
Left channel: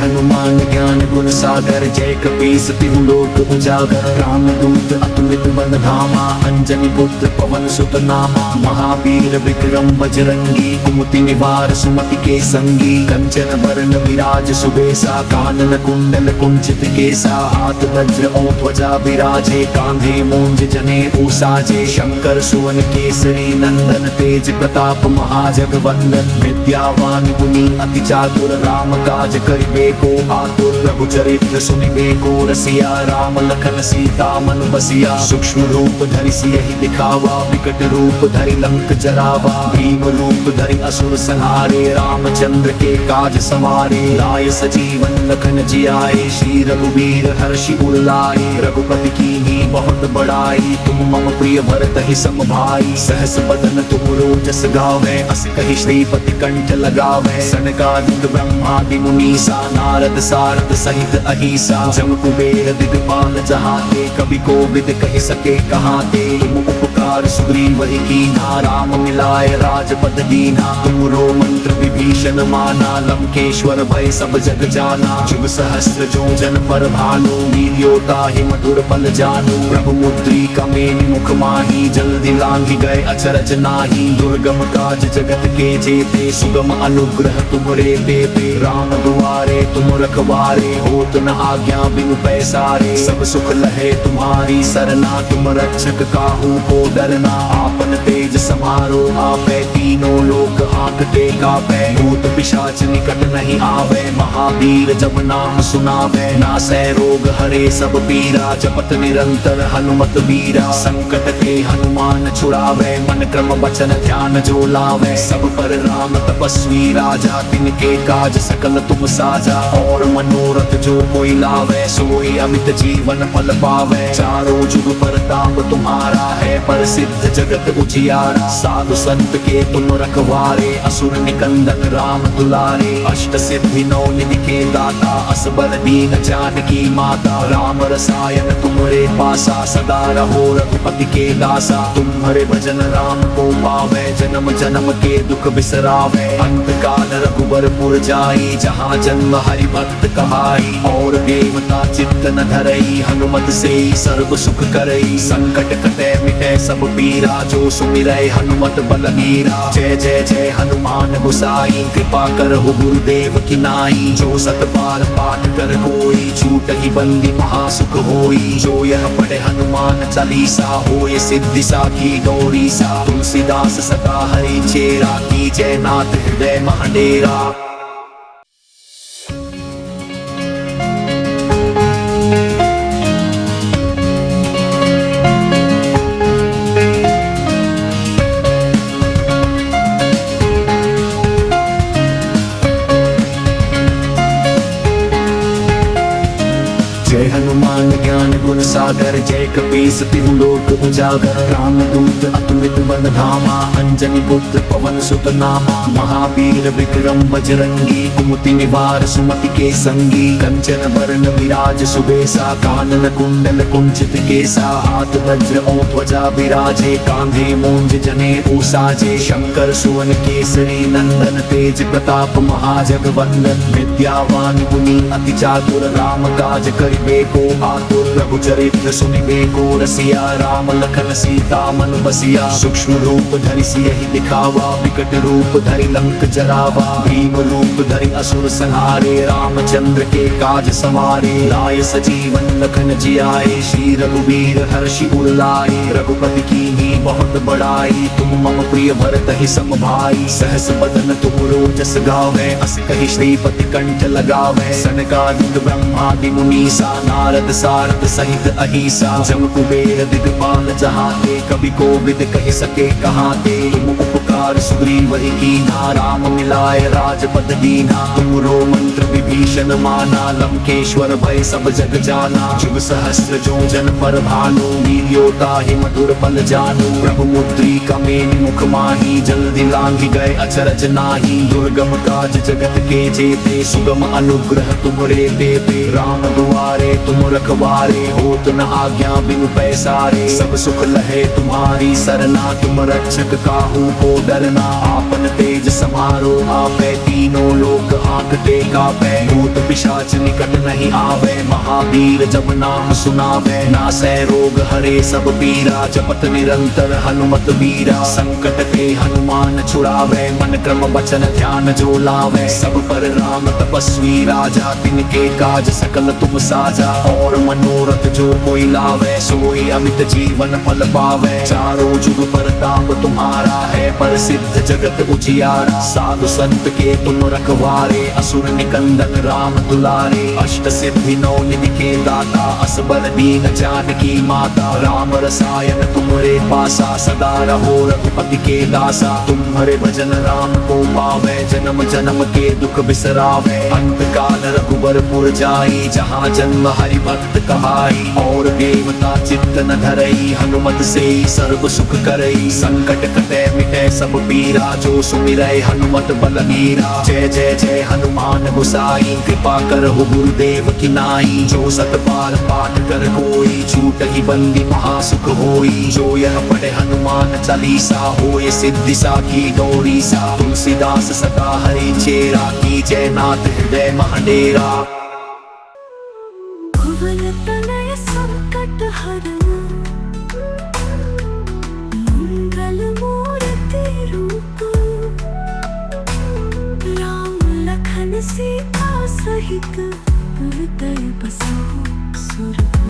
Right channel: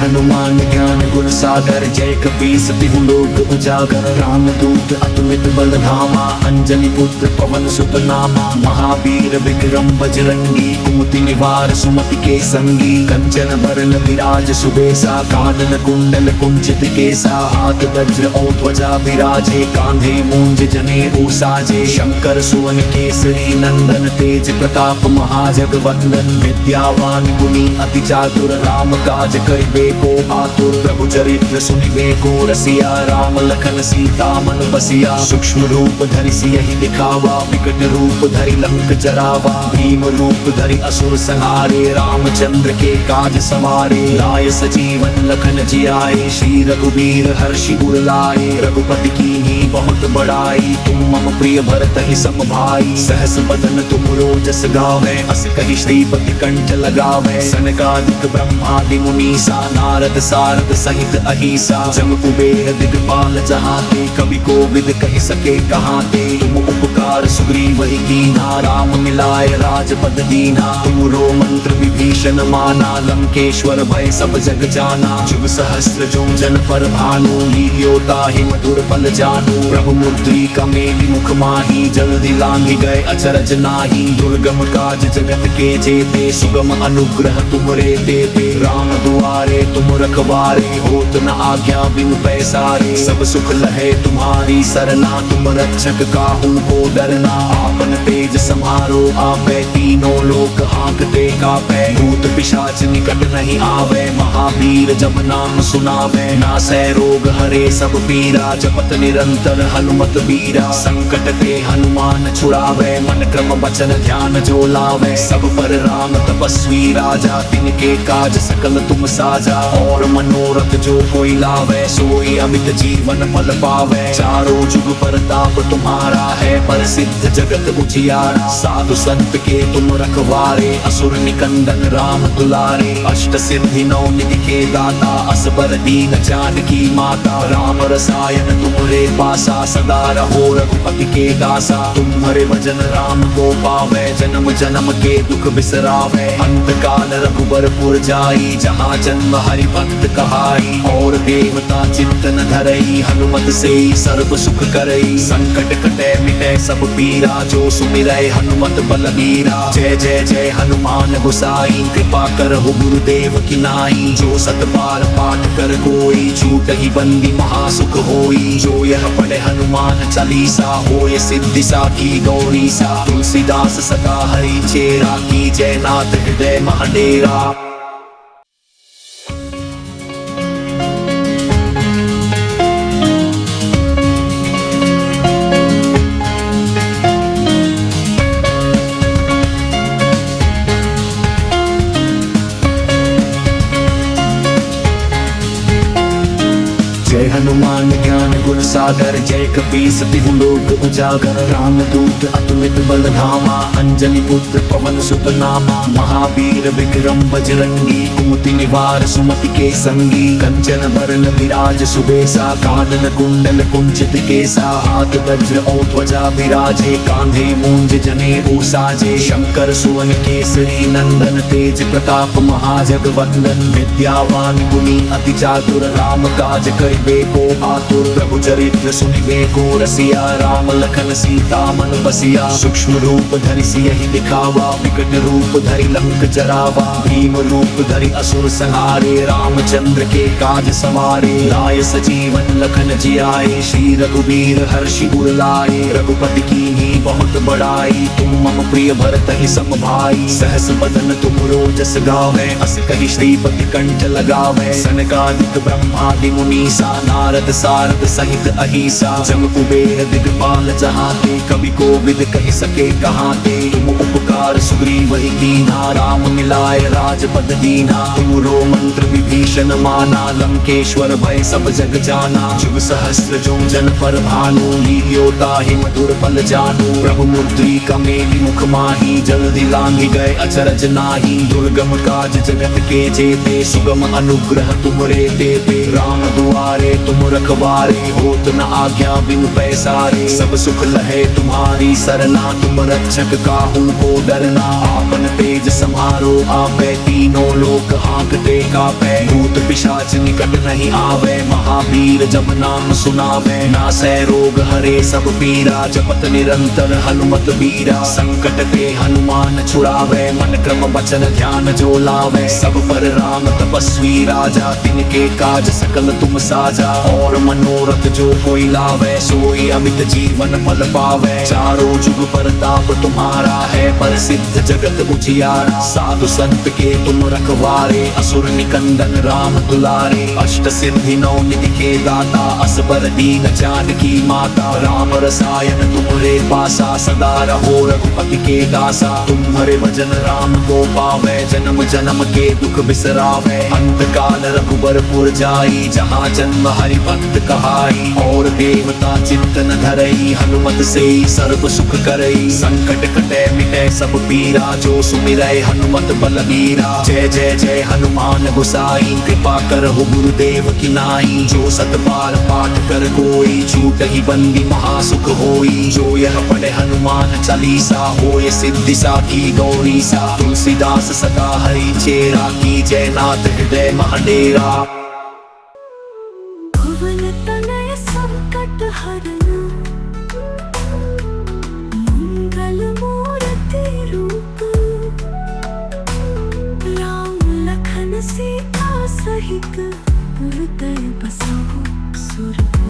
हनुमान ज्ञान गुण सागर, जय कपीस तिहु लोक उजागर, राम दूत अतुलित बल धामा, अंजनी पुत्र पवन सुत नामा, महावीर विक्रम बजरंगी, कुमति निवार सुमति के संगी, कंचन वरण विराज सुबेसा, कानन कुंडल कुंचित केसा, हाथ वज्र और ध्वजा विराजे, कांधे मूंज जनेऊ साजे, शंकर सुवन केसरी नंदन, तेज प्रताप महाजगवंदन, विद्यावान गुणी अति चातुर, राम काज करिबे को आतुर, रघुचरित्र सुनिबे को रसिया, राम लखन सीता मन बसिया, सूक्ष्म रूप धरि सियहि दिखावा, विकट रूप धरि लंक जरावा, भीम रूप धरि असुर संहारे, रामचंद्र के काज सवारे, लाए सजीवन लखन जियाए, श्री रघुवीर हर्षि उर लाए, रघुपति कीन्ही बहुत बड़ाई, तुम मम प्रिय भरत ही सम भाई, सहस बदन तुम रोजस गावे, अस कहि श्रीपति कंठ लगावे, सनकादिक ब्रह्मादि मुनीसा, नारद सारद सहित अहिसा, जम कुबेर दिगपाल जहाँ ते, कवि कोविद कहि सके कहाँ ते, तुम उपकार सुग्रीव ही कीन्हा, राम मिलाय राजपद दीना, तुमरो मंत्र विभीषण माना, लंकेश्वर भय सब जग जाना, जुग सहस्र जो जन पर भानु, लील्योता ही मधुर फल जानू, प्रभु मुद्रिका मेलि मुख माही, जल्दी लांघि गए अचरज नाही, दुर्गम काज जगत के जेते, सुगम अनुग्रह तुमरे देते, राम दुआरे तुम रखवारे, होत न आज्ञा बिनु पैसारे, सब सुख लहे तुम्हारी सरना, तुम रक्षक काहू को डरना, आपन तेज समारो आपे, तीनों लोक हांकते कांपे, भूत पिशाच निकट नहीं आवे, महावीर जब नाम सुनावे, नासे रोग हरे सब पीरा, जपत निरंतर हनुमत वीरा, संकट के हनुमान छुड़ावे, मन क्रम वचन ध्यान जो लावे, सब पर राम तपस्वी राजा, तिनके काज सकल तुम साझा, और मनोरथ जो कोई लावे, सोई अमित जीवन पद पावे, चारों जुग परताप तुम्हारा है, प्रसिद्ध जगत उजियारा, साधु संत के तुम रखवारे, असुर निकंदन राम दुलारे, अष्ट सिद्धि नौ निधि के दाता, असबर दीन जानकी माता, राम रसायन तुम्हारे पासा, सदा रहो रघुपति की दासा, तुम्हारे भजन राम को पावे, जन्म जन्म के दुख बिसरावे, अंत काल रघुबरपुर जाई, जहाँ जन्म हरि भक्त कहाई, और देवता चिंतन धरई, हनुमत से सर्व सुख करई, संकट कटे मिटे सब पीरा, जो सुमिरै हनुमत बलबीरा, जय जय जय हनुमान गोसाई, कृपा कर हो गुरुदेव की नाई, जो सत बार पाठ कर कोई, छूट ही बंदी महासुख होई, जो यह पढ़े हनुमान चालीसा, होय सिद्धि साखी गौरी सा, तुलसीदास सदा हरि चेरा, की जय नाथ हृदय महाडेरा। गुण सागर जय कपीस तिहु लोक उजागर रामदूत अतुलित बल धामा अंजनी पुत्र पवन सुत नामा महावीर विक्रम बजरंगी कुमति निवार सुमति के संगी कंचन बरन विराज सुबेसा कानन कुंडल कुंचित केसा हाथ वज्र ध्वजा विराजे कांधे मूंज जनेऊ साजे शंकर सुवन केसरी नंदन तेज प्रताप महाजगवंदन विद्यावान गुणी अति चातुर राम काज करिबे को आतुर रघुचरित्र सुनिबे को रसिया राम लखन सीता मन बसिया सूक्ष्म रूप धरि सियहि दिखावा विकट रूप धरि लंक जरावा भीम रूप धरि असुर संहारे रामचंद्र के काज सवारे लाए सजीवन लखन जियाए श्री रघुवीर हर्षि उर लाए रघुपति कीन्ही बहुत बड़ाई तुम मम प्रिय भरत ही सम भाई सहस बदन तुम रोजस गावे अस कहि श्रीपति कंठ लगावे सनकादिक ब्रह्मादि मुनीसा नारद सारद सहित अहिसा जम कुबेर दिगपाल जहाँ ते कवि कोविद कहि सके कहाँ ते तुम उपकार सुग्रीव ही कीन्हा राम मिलाय राजपद दीना तुमरो मंत्र विभीषण माना लंकेश्वर भय सब जग जाना जुग सहस्त्र जो जन पर भानु लील्योता ही मधुर फल जानू प्रभु मुद्रिका मेलि मुख माही जल्दी लांगी गए अचरज नाही दुर्गम काज जगत के जेते सुगम अनुग्रह तुमरे देते राम दुआरे तुम रखवारे होत न आज्ञा बिनु पैसारे सब सुख लहे तुम्हारी सरना तुम रक्षक काहू को डरना आपन तेज समारो आपे तीनों लोक हांकते कापे भूत पिशाच निकट नहीं आवे महावीर जब नाम सुनावे नासे रोग हरे सब पीरा जपत निरंतर हनुमत बीरा संकट के हनुमान छुड़ावे मन क्रम वचन ध्यान जो लावे सब पर राम तपस्वी राजा तिनके काज सकल तुम साझा और मनोरथ जो कोई लावे सोई अमित जीवन फल पावे चारों जुग परताप तुम्हारा है प्रसिद्ध जगत उजियारा साधु संत के तुम रखवारे असुर निकंदन राम दुलारे अष्ट सिद्धि नौ निधि के दाता असबर दीन जानकी माता राम रसायन तुम्हारे पासा सदा रहो रघुपति की दासा तुम्हारे भजन राम को पावे जन्म जन्म के दुख बिसरावे अंत काल रघुबर पुर जाई जहाँ जन्म हरि भक्त कमाई और देवता चिंतन धरई हनुमत से सर्व सुख करई संकट कटे मिटे सब पीरा जो सुमिरै हनुमत बल मीरा जय जय जय हनुमान गोसाई कृपा कर हो गुरुदेव की नाई जो सत बार पाठ कर कोई छूट ही बंदी महासुख होई जो यह पढ़े हनुमान चालीसा होय सिद्धि साखी गौरी सा तुलसीदास सदा हरि चेरा की जय नाथ हृदय महाडेरा भुवन तनय संकट हरन मंगल मूर्ति रूप राम लखन सीता सहित हृदय बसहु सुर